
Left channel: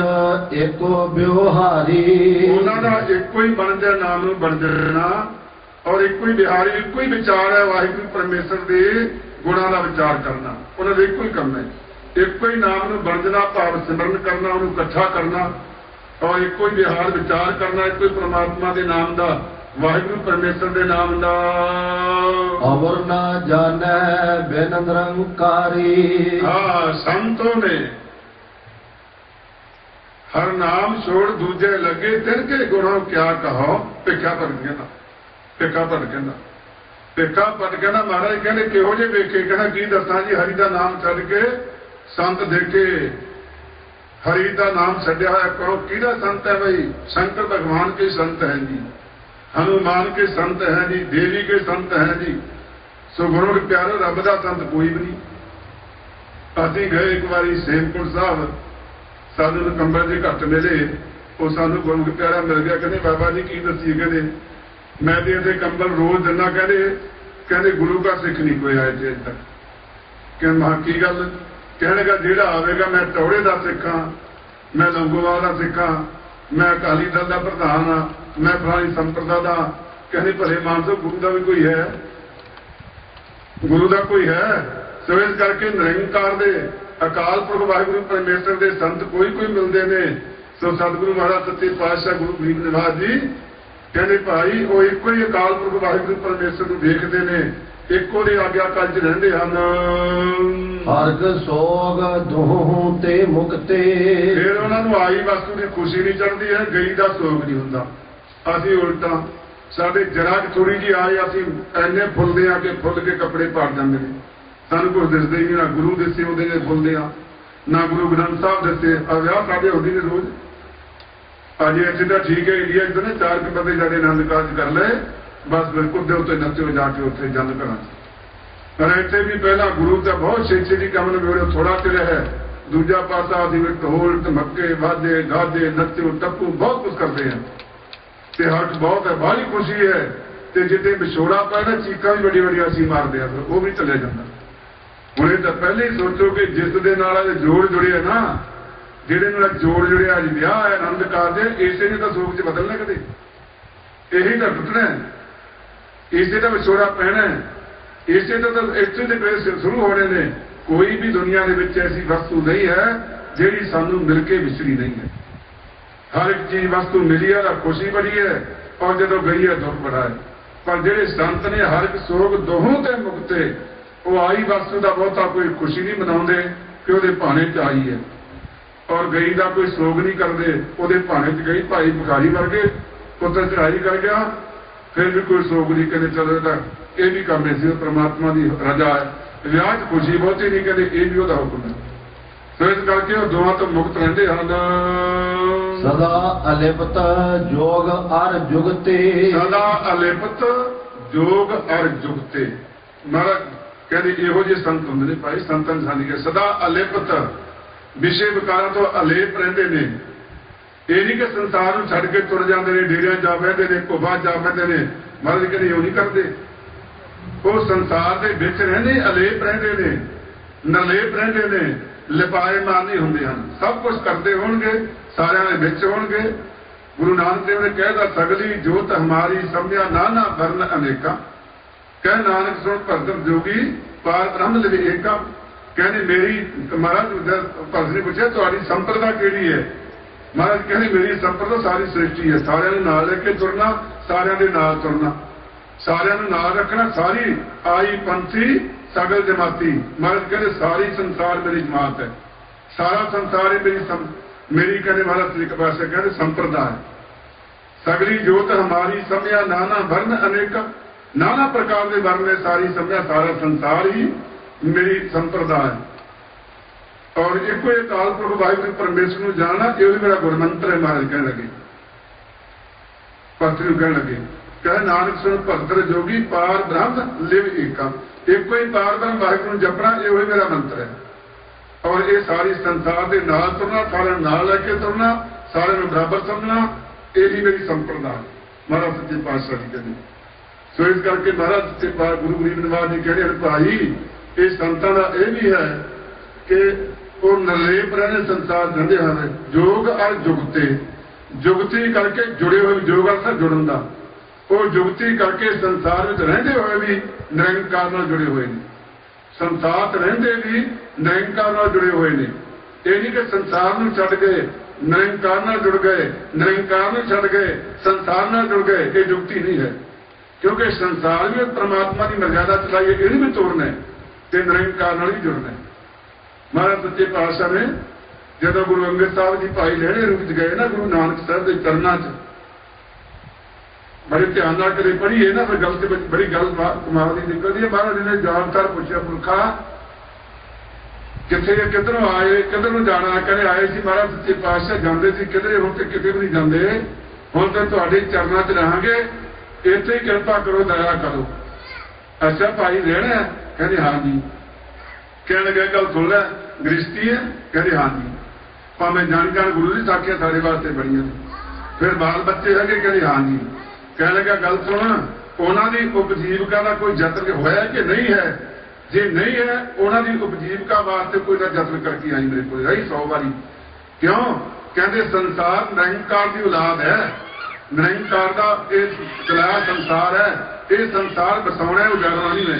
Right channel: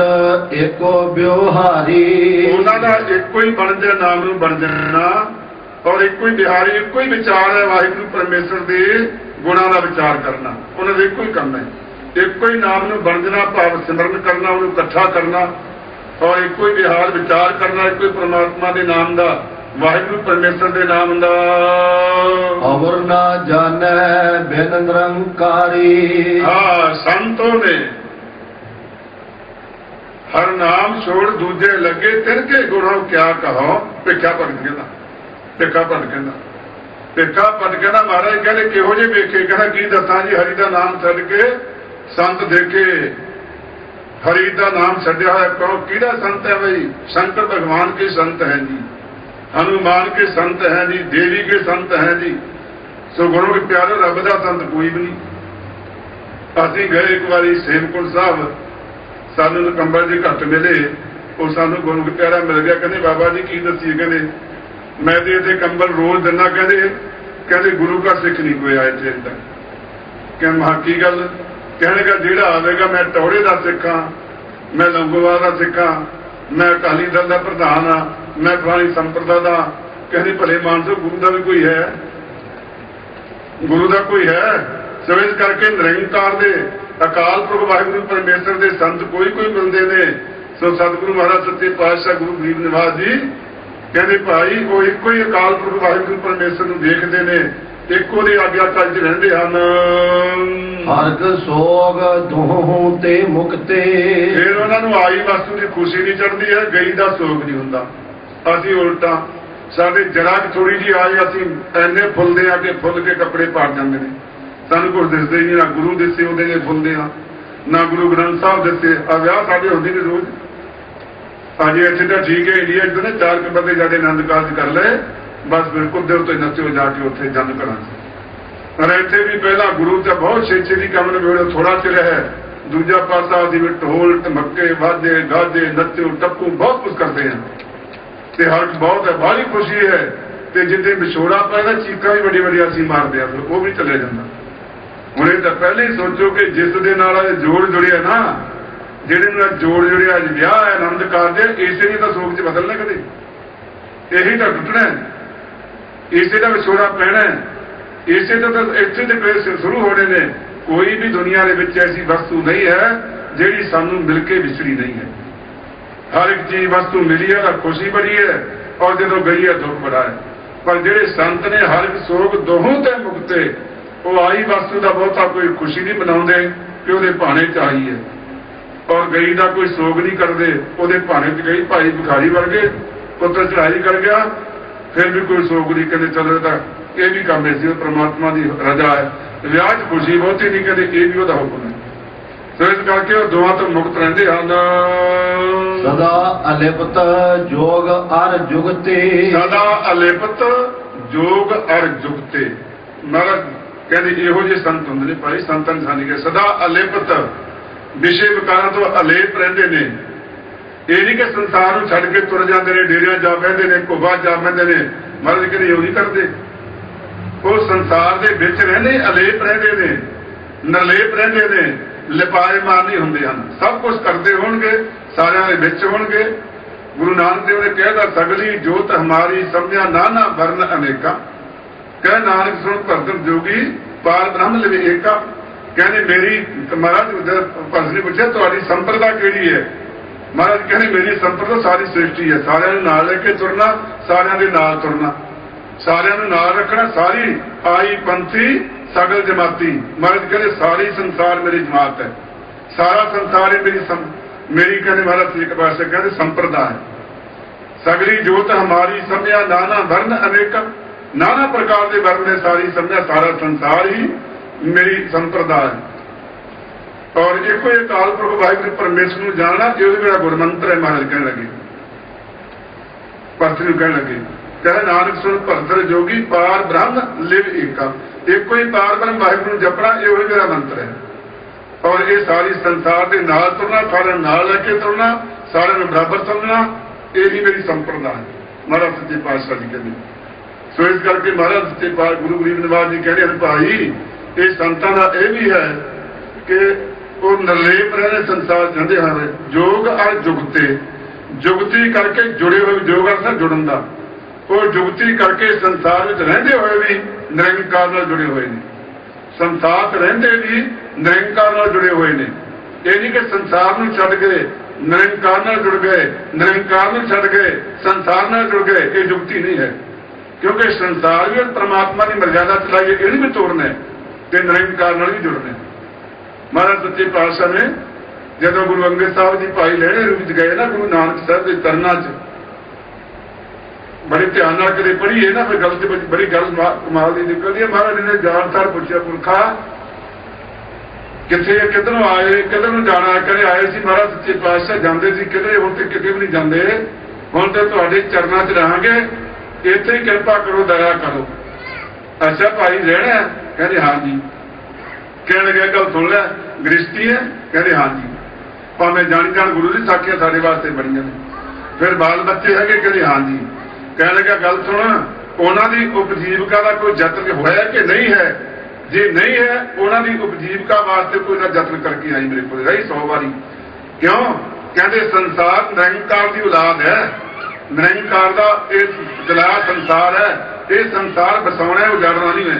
एको ब्योहारी, उन्हां दा एको ही बनज नाम नूं बन जाना, और एको ही बिहारी, एको ही विचार है वाहिगुरू परमेश्वर दे गुणां दा विचार करना। उन्हां दा एको ही काम है, एको ही नाम नूं बनजना, भाव सिमरन करना, उहनूं इकट्ठा करना, और एक ही विहार विचार करना, एक ही परमात्मा के नाम का, वाहिगुरू परमेश्वर के नाम का। और ना जाने बिन निरंकारी। हाँ, संतों ने हर नाम छोड़ दूजे लगे तिनके गुणों क्या कहो, भिखा भट कहना, भिखा भट कहना, भिखा भट कहना। महाराज कहते किहो जे वेखे, कहना की दसा जी, हरि का नाम छड़ के संत देखे, हरि का नाम छड्या है। कहो किहड़ा संत है भाई? शंकर भगवान के संत है जी, हनुमान के संत है जी, देवी के संत है जी। सो गुरु के प्यारे, रब का संत कोई भी नहीं। असीं गए एक बारी सेमकुंड साहब, सानू नकंबर जी घट मिले, वो सानू गुरु के प्यारा मिल गया। कहते बाबा जी की दसीए, कहते मैं तो इतने कंबल रोज दिना, कहते गुरु का सिख नहीं कोई आया इतने तक। क्या महा की गल? कहने का ਜਿਹੜਾ आवेगा मैं टौड़े का सिख हाँ, मैं लंगोवाल का सिख हाँ, मैं अकाली दल का प्रधान हाँ, मैं फलानी संप्रदा का। कहते भले मानसो गुरु का भी कोई है, गुरु का कोई है। सो इस करके निरंकार दे अकाल पुरख वाहिगुरू परमेश्वर के संत कोई मिलते हैं। सो सतगुरु महाराज सच्चे पातशाह गुरु गरीब निवास जी कहते भाई कोई एक ही अकाल पुरख वाहिगुरू परमेश्वर को देखते हैं, एको दे आज्ञाकारी च रहिंदे हन। हरग सोग दोहों ते मुक्ते। फिर उन्होंने आई वस्तु की खुशी नहीं चढ़ती है, गई का सोग नहीं होंदा। असीं उल्टा, साडे जरा थोड़ी जी आई, असीं ऐने फुलदे आ कि फुल के कपड़े पाड़ जाते हैं। सानूं कुछ दिसदे ही नहीं, ना गुरु दिसे उहदे ने फुलदे आ, ना गुरु ग्रंथ साहब दिसे। आ विआह साडे हुंदे ने रोज। अजे इत्थे तां ठीक है, इंडिया च ना 4 बंदे जाके आनंद कारज कर ले, बस बिल्कुल दिल तो नच्चो जाके उत्थे जंद घरां च। पर इत्थे भी पहला गुरु तो बहुत छेती काम निबेड़ो, थोड़ा चिर है, दूजा पासा जिवें ढोल धमके वाजे गाजे नच्चो टप्पू बहुत कुछ करते हैं, ते हर्ष बहुत है, बाहली खुशी है। ते जिथे विछोड़ा पैदा चीखा भी बड़ी बड़ी असीं मारते हैं, तो वो भी चले जाता। हुणे तो पहले ही सोचो कि जिस दे नाल जोड़ जुड़िया ना, जिहड़े नाल जोड़ जुड़िया अज विआह है आनंद कारज, इसे ही तो सोच च बदलने कदे, यही तो टुटना है, इसे का विछोड़ा पैना है, इसे तो इत्थे ते पेश शुरू होने ने। कोई भी दुनिया के विच ऐसी वस्तु नहीं है जिहड़ी सानू मिल के विछड़ी नहीं है। हर एक चीज वस्तु मिली है तो खुशी बड़ी है, और जो गई है दुख बड़ा है। पर जिहड़े संत ने हर एक सोग दोहों ते मुक्ते, वो आई वस्तु का बहुता कोई खुशी नहीं मनाउंदे कि उहदे भाने च आई है, और गई का कोई सोग नहीं करते, उहदे भाने च गई। भाई भिखारी वर्गे पुत्र चढ़ाई कर गया, फिर भी कोई सोग नहीं, कहते चलो तक ये भी काम है, परमात्मा की रजा है। विआह च खुशी बहुती नहीं, कहते ये भी उसका हुक्म है। तो इस करके वो दोवां तो मुक्त रहते हैं। सदा अलिप्त जोग अर जुगते। सदा अलिप्त जोग अर जुगते। महाराज कहते इहो जे संत होंदे ने भाई, संतां सानी के सदा अलिप्त विषय विकारां तो अलेप रहते हैं। ये नहीं कि संसार को छड़ के तुर जाते हैं, डेरिया जा बहते हैं, घोबा जा बहते हैं। महाराज कहते इहो नहीं करते, वो संसार के विच रहंदे, अलेप रहंदे ने, निर्लेप रहंदे ने, लिपाएमान नहीं हुंदे हन। सब कुछ करते होणगे, सारिਆਂ ਦੇ ਵਿੱਚ होणगे। गुरु नानक देव ने कहता सगली जोत हमारी समझा नाना वर्ण अनेका। कह नानक सुन भरतन जोगी पार ब्रह्म लिवे एका। कहने मेरी महाराज भरत ने पूछा तुहाडी संप्रदा केड़ी है? महाराज कहने मेरी संप्रदा सारी सृष्टि है, सारिਆਂ ਨੂੰ ਨਾਲ ਲੈ ਕੇ ਤੁਰਨਾ, सारिਆਂ ਦੇ ਨਾਲ ਤੁਰਨਾ, सारिਆਂ ਨੂੰ ਨਾਲ ਰੱਖਣਾ। सारी आई पंथी सगल जमाती। महाराज कहते सारी संसार मेरी जमात है, सारा संसार है मेरी कहने वाला श्री पातशाह कहते संप्रदा है। सगली जोत हमारी समझा नाना वर्ण अनेका। नाना प्रकार के वर्ण ने सारी समझा, सारा संसार ही मेरी संप्रदा है। और एको अकाल पुरख वाहिगुरू परमेश्वर को जानना ये भी मेरा गुरमंत्र है। महाराज कह लगे, भरत कह लगे, कह नानक सुन भरत जोगी पार ब्रह्म लिव एका। एको ही पार ब्रह्म वाहिगुरू जपना ये भी मेरा मंत्र है। और ये सारी संसार के नाल तुरना, सारे नाल लेके तुरना, सारे में बराबर समझना, ये ही मेरी संप्रदा है। महाराज सच्चे पातशाह जी कहते। सो इस करके महाराज सच्चे पातशाह गुरु गरीब निवास जी कहते हैं भाई ये संतां का यह भी है कि वो निर्लेप रहने संसार जंदे हैं जोग और जुगते जुगती करके जुड़े हुए जोग अर्थ जुड़न का वो जुगती करके संसार में रहते हुए भी निरंकार नाल जुड़े हुए हैं। संसार रहते भी निरंकार नाल जुड़े हुए हैं। ये नहीं कि संसार में छड़ गए निरंकार नाल जुड़ गए, निरंकार में छड़ गए संसार नाल जुड़ गए, ये जुगती नहीं है। क्योंकि संसार भी परमात्मा की मर्यादा चला के ये भी तोड़ना है ते निरंकार नाल भी जुड़ना है। महाराज सच्चे पातशाह ने जदों गुरु अंगद साहब जी भाई लहरे रूप च गए ना गुरु नानक साहब के चरनां च बड़े ध्यान नाल कदे पढ़ी है ना, फिर गल ते बड़ी गल कमाल की निकलदी है। महाराज ने जाणकार पुछया पुरखा किथे किधरों आए किधरों जाना करे आए सी। महाराज सच्चे पातशाह जाते सी किधरे हुण ते किते भी नहीं जाते, हुण ते तुहाडे चरनां च रहांगे, इत्थे ही किरपा करो दया करो। अच्छा भाई रहना? कहते हाँ जी। कहने लगे गल सुन लै गृहस्थी है? कहते हाँ जी। भावें जानी जान गुरु की साखियां साडे वास्ते बड़ियां ने। फिर बाल बच्चे है? कहते हाँ जी। कहने लगा गल सुन उन्हां दी उपजीविका का कोई यत्न होया कि नहीं है? जे नहीं है उन्हां दी उपजीविका वास्ते कोई ना यत्न करके आई मेरे को रही 100 बारी। क्यों? कहते संसार निरंकार की औलाद है, निरंकार का जला संसार है। ये संसार बसाउना उजाड़ना नहीं है,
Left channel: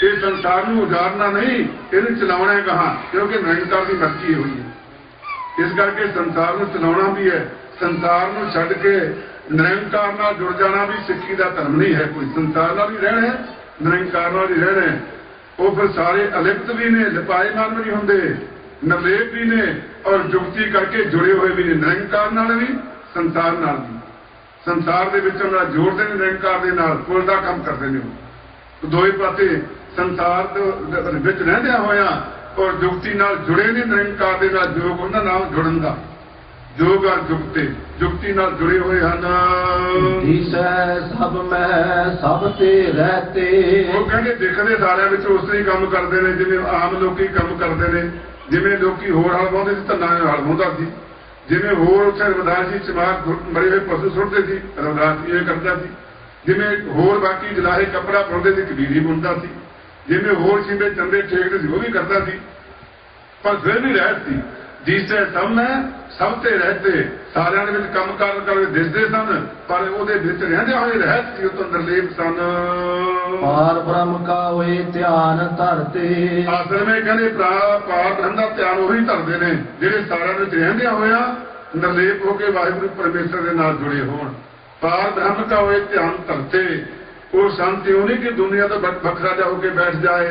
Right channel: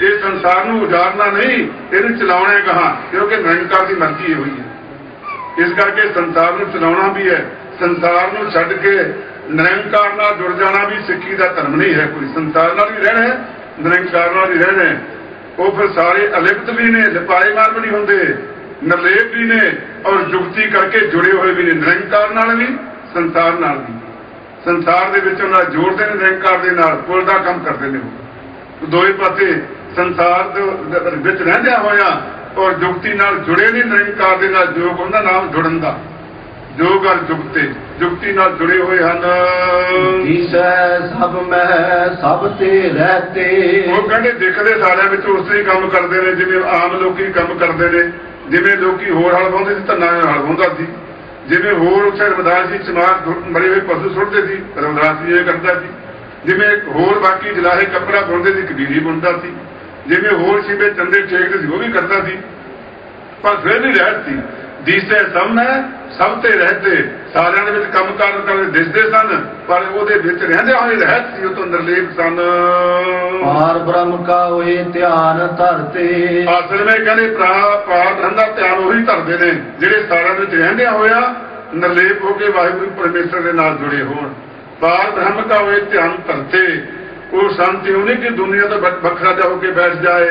ये संसार को उजाड़ना नहीं, इन्हें चलाना है कहा, क्योंकि निरंकार की मर्जी हुई है। इस करके संसार को चलाना भी है, संसार को छड्ड के निरंकार नाल जुड़ जाना भी सिक्खी का धर्म नहीं है। कोई संसार नाल भी रहना है, निरंकार नाल भी रहना है। वो फिर सारे अलिप्त भी ने, लिपाएमान भी नहीं होंगे, निर्लेप भी ने और जुगती करके जुड़े हुए भी ने, निरंकार नाल भी संसार नाल भी। संसार के विच उन्हां जोड़ते हैं निरंकार के नाल, पुल का काम करते हैं। दोए पासे संसार के विच रहिंदियां होया और जुगती नाल जुड़े ने निरंकार के नाल, जोग उन्हां नाल जुड़न का, जोग और जुगते जुगती नाल जुड़े हुए हैं। ईसै सब में सब ते रहते। वो कहते दिखते सारे विच उसे ही काम करते हैं जिवें आम लोकी काम करते हैं। जिवें लोकी होर हल वाहुंदे सी धन्ना हल वाहुंदा सी, जिवें होर उत्थे रविदास जी चमार बड़े हुए पशु सुटते सी, रविदास जी ये करता सी। जिवें होर बाकी जलाहे कपड़ा बुनते सी, कबीर ही बुनता सी। जिवें होर शिवे चंदे ठेकते सी, वो भी करता सी। पर फिर भी रहत सी। दिसे सब में सब ते रहते, सारिਆਂ ਦੇ ਵਿੱਚ ਕੰਮ ਕਰਦੇ ਦਿਸਦੇ ਸਨ, ਪਰ ਉਹਦੇ ਵਿੱਚ ਰਹਿੰਦੇ ਹੋਏ ਰਹਿਤ ਸੀ, ਉਹ ਤੋਂ ਨਿਰਲੇਪ ਸਨ। ਪਾਰ ਬ੍ਰਹਮ ਕਾ ਹੋਏ ਧਿਆਨ ਧਰਤੇ। ਅਸਲ ਵਿੱਚ ਕਹਿੰਦੇ ਪਾਰ ਬ੍ਰਹਮ ਦਾ ਧਿਆਨ ਉਹੀ ਧਰਦੇ ਨੇ ਜਿਹੜੇ ਸਾਰਿਆਂ ਵਿੱਚ ਰਹਿੰਦਿਆਂ ਹੋਇਆ ਨਿਰਲੇਪ ਹੋ ਕੇ ਵਾਹਿਗੁਰੂ ਪਰਮੇਸ਼ਰ ਦੇ ਨਾਲ ਜੁੜੇ ਹੋਣ। ਪਾਰ ਬ੍ਰਹਮ ਕਾ ਹੋਏ ਧਿਆਨ ਧਰਤੇ। ਉਹ ਸੰਤ ਇਹ ਨਹੀਂ ਕਿ ਦੁਨੀਆ ਤੋਂ ਵੱਖਰਾ ਜਾ ਹੋ ਕੇ ਬੈਠ ਜਾਏ,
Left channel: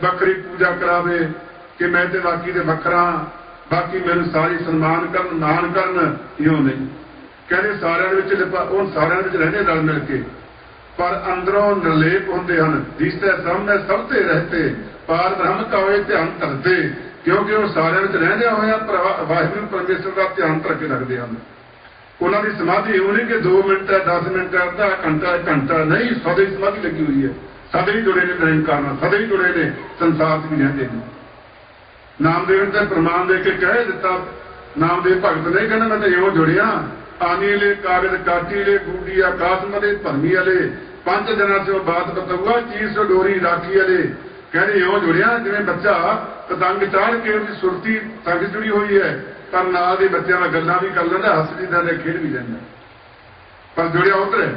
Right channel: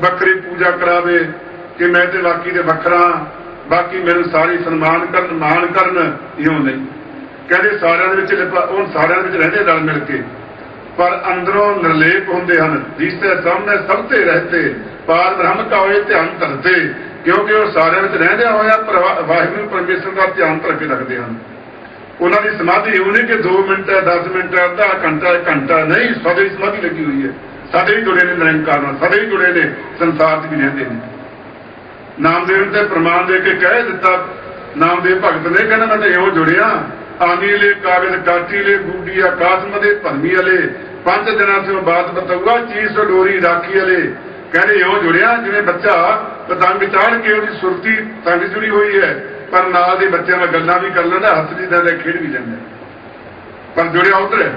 ਵੱਖਰੀ ਪੂਜਾ ਕਰਾਵੇ ਕਿ ਮੈਂ ਤੇ ਬਾਕੀ ਦੇ ਵੱਖਰਾ, बाकी मैंने सारी सन्मान करन मान करन, इउं नहीं। कहते सारिਆਂ ਵਿੱਚ उन सारिਆਂ ਵਿੱਚ रहते रल मिल के, पर अंदरों निर्लेप होंदे हन। दिसते सामने सब ते रहते, पार ब्रह्म का होए ध्यान धरते। क्योंकि वो सारिਆਂ ਵਿੱਚ रहंदे होया वाहिगुरू परमेश्वर का ध्यान धर के रखते हैं। उन्हों की समाधि इउं नहीं कि 2 मिनट है, 10 मिनट है, आधा घंटा, 1 घंटा नहीं, सदा ही समाधि लगी हुई है। सदा ही जुड़े ने निरंकार नाल, सदा ही जुड़े ने संसार च भी रहते हैं। नामदेव ने प्रमाण लेके कह दिता, नामदेव भगत ने कहना मैं तो इउं जुड़िया, आनी ले कागज काटी ले गुडी आकाश मदे भरमी अले, 5 दिनों से बात बताऊगा चीज डोरी राखी अले। कहते इउं जुड़िया जिवें बच्चा पतंग चाड़ के उसकी सुरती संग जुड़ी हुई है, पर नाल दे बच्चों नाल गल्लां भी कर लैंदा, हस भी लैंदा, खेड भी लैंदा, पर जुड़िया उधर है।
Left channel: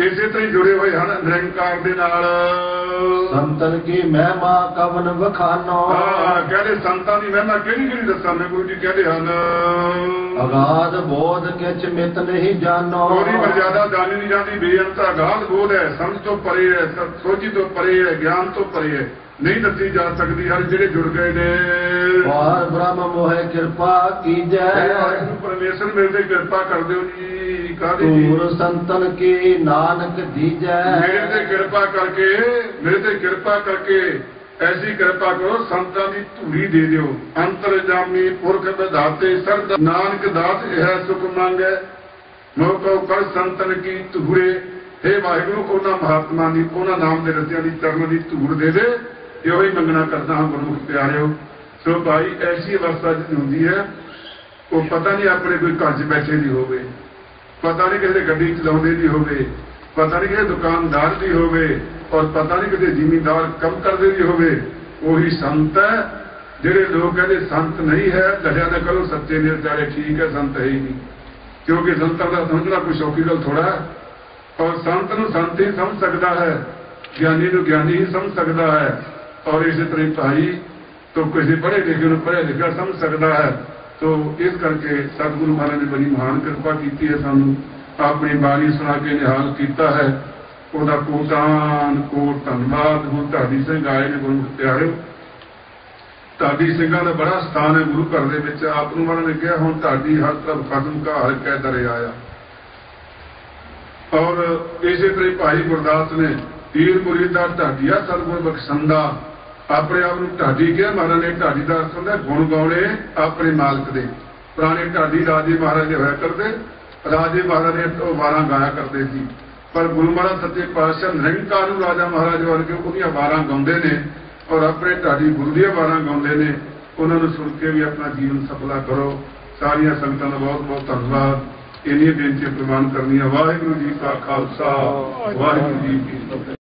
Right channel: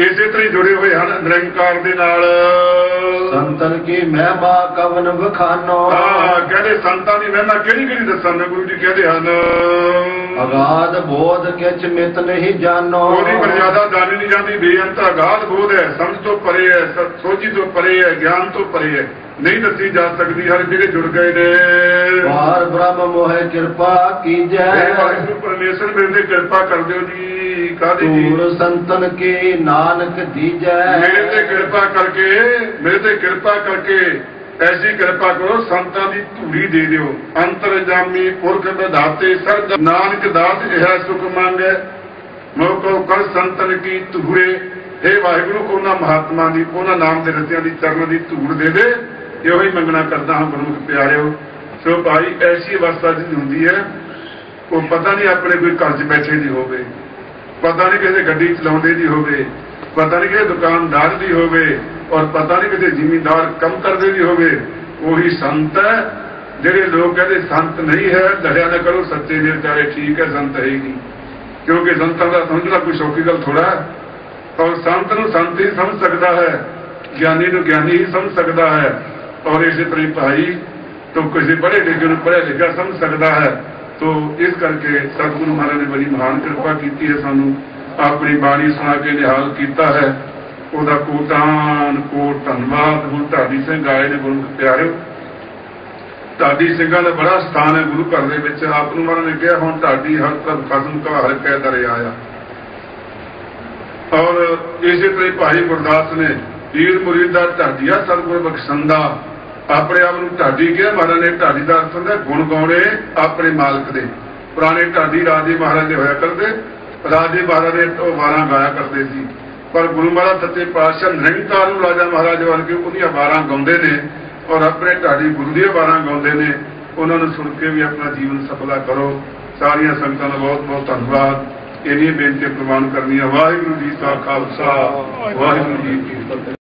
इसे तरह जुड़े हुए हैं निरंकार दे नाल। संतन की महिमा कवन वखानो। कहते संतां दी महिमा किहड़ी किहड़ी दस्सां? गुरु जी कहते हैं अगाध बोध किछ मित नहीं जानो। ਉਹਦੀ ਮਰਜ਼ਾਦਾ ਜਾਣੀ ਨਹੀਂ ਜਾਂਦੀ, ਬੇਅੰਤ ਅਗਾਧ ਬੋਧ ਹੈ, ਸਮਝ ਤੋਂ ਪਰੇ ਹੈ, ਸੋਝੀ ਤੋਂ ਪਰੇ ਹੈ, ਗਿਆਨ ਤੋਂ ਪਰੇ ਹੈ, ਨਹੀਂ ਦੱਸੀ ਜਾ ਸਕਦੀ। ਹਰ ਜਿਹੜੇ ਜੁੜ ਗਏ ਨੇ ਪਾਰ ਬ੍ਰਹਮ ਮੋਹਿ ਕਿਰਪਾ ਕੀਜੈ। ਵਾਹਿਗੁਰੂ ਪਰਮੇਸ਼ਰ ਮੇਰੇ ਤੇ ਕਿਰਪਾ ਕਰ ਦਿਓ ਜੀ। ਕਾਹਦੀ ਜੀ? ਤੂਰ ਸੰਤਨ ਕੇ ਨਾਨਕ ਦੀਜੈ। ਮੇਰੇ ਤੇ ਕਿਰਪਾ ਕਰਕੇ, ਮੇਰੇ ਤੇ ਕਿਰਪਾ ਕਰਕੇ ऐसी कृपा करो संतां दी धूड़ी दे दियो। अंतरजामी पुरख विधाते सरज नानक दास यह सुख मान्य मोको कर संतन की धूड़े। हे वाहिगुरु उन्हां महात्मा दी उन्हां नाम दे रसियां दी चरणों दी धूड़ दे दे। यो ही मंगना करता हाँ गुरु प्यारिओ। सो भाई ऐसी अवस्था च हुंदी है कोई पता नहीं अपने कोई घर च बैठे नहीं होवे, पता नहीं किसी गड्डी चलाउंदे नहीं होवे, पता नहीं किसी दुकानदार नहीं होवे और पता नहीं किसी जिमीदार कम करते नहीं होवे। वही संत है। ਜਿਹੜੇ लोग कहते संत नहीं है लड़िया न करो सच्चे ने बेचारे ठीक है संत रहेगी, क्योंकि संतां का समझना कोई सौखी गल थोड़ा है। और संत नूं संत ही समझ सकता है, ज्ञानी नूं ज्ञानी ही समझ सकता है। और इसी तरह भाई तो किसी पढ़े लिखे नूं पढ़िया लिखा समझ सकता है। तो इस करके सतगुरु महाराज ने बड़ी महान कृपा की है, सानू अपनी बाणी सुना के निहाल किया है। ਉਹਦਾ ਕੋਟਾਨ ਕੋਟ ਧੰਨਵਾਦ। ਹੁਣ ਢਾਡੀ ਸਿੰਘ ਆਏ ਨੇ ਗੁਰੂ ਪਿਆਰਿਓ। ਢਾਡੀ ਸਿੰਘਾਂ ਦਾ ਬੜਾ ਸਥਾਨ ਹੈ ਗੁਰੂ ਘਰ ਦੇ ਵਿੱਚ। ਆਪ ਨੂੰ ਮਹਾਰਾਜ ਨੇ ਕਿਹਾ ਹੁਣ ਢਾਡੀ ਹਰ ਤਰਫ ਖਸਮ ਕਾ ਹਰ ਕੈ ਦਰਿਆ ਆ। ਔਰ ਇਸੇ ਤਰ੍ਹਾਂ ਭਾਈ ਗੁਰਦਾਸ ਨੇ ਪੀਰ ਮੁਰੀਦ ਦਾ ਢਾਡੀਆ ਸਤਿਗੁਰ ਬਖਸ਼ੰਦਾ ਆਪਣੇ ਆਪ ਨੂੰ ਢਾਡੀ ਕਿਹਾ। ਮਹਾਰਾਜ ਨੇ ਢਾਡੀ ਦਾ ਅਰਥ ਹੁੰਦਾ ਗੁਣ ਗਾਉਣੇ ਆਪਣੇ ਮਾਲਕ ਦੇ। ਪੁਰਾਣੇ ਢਾਡੀ ਰਾਜੇ ਮਹਾਰਾਜ ਦੇ ਹੋਇਆ ਕਰਦੇ, ਰਾਜੇ ਮਹਾਰਾਜ ਨੇ ਉਹ ਵਾਰਾਂ ਗਾਇਆ ਕਰਦੇ ਸੀ। पर गुरु महाराज सच्चे पातशाह निरंकार राजा महाराज वर्गे उन्दियां वारां गाउंदे ने और अपने ढाडी गुरु दी वारां गाउंदे ने। उन्हां नूं सुन के भी अपना जीवन सफला करो। सारियां संगतां दा बहुत बहुत धन्नवाद। इन्ही बेनती प्रवान करदी। वाहिगुरू जी का खालसा वाहिगुरू जी की फतेह।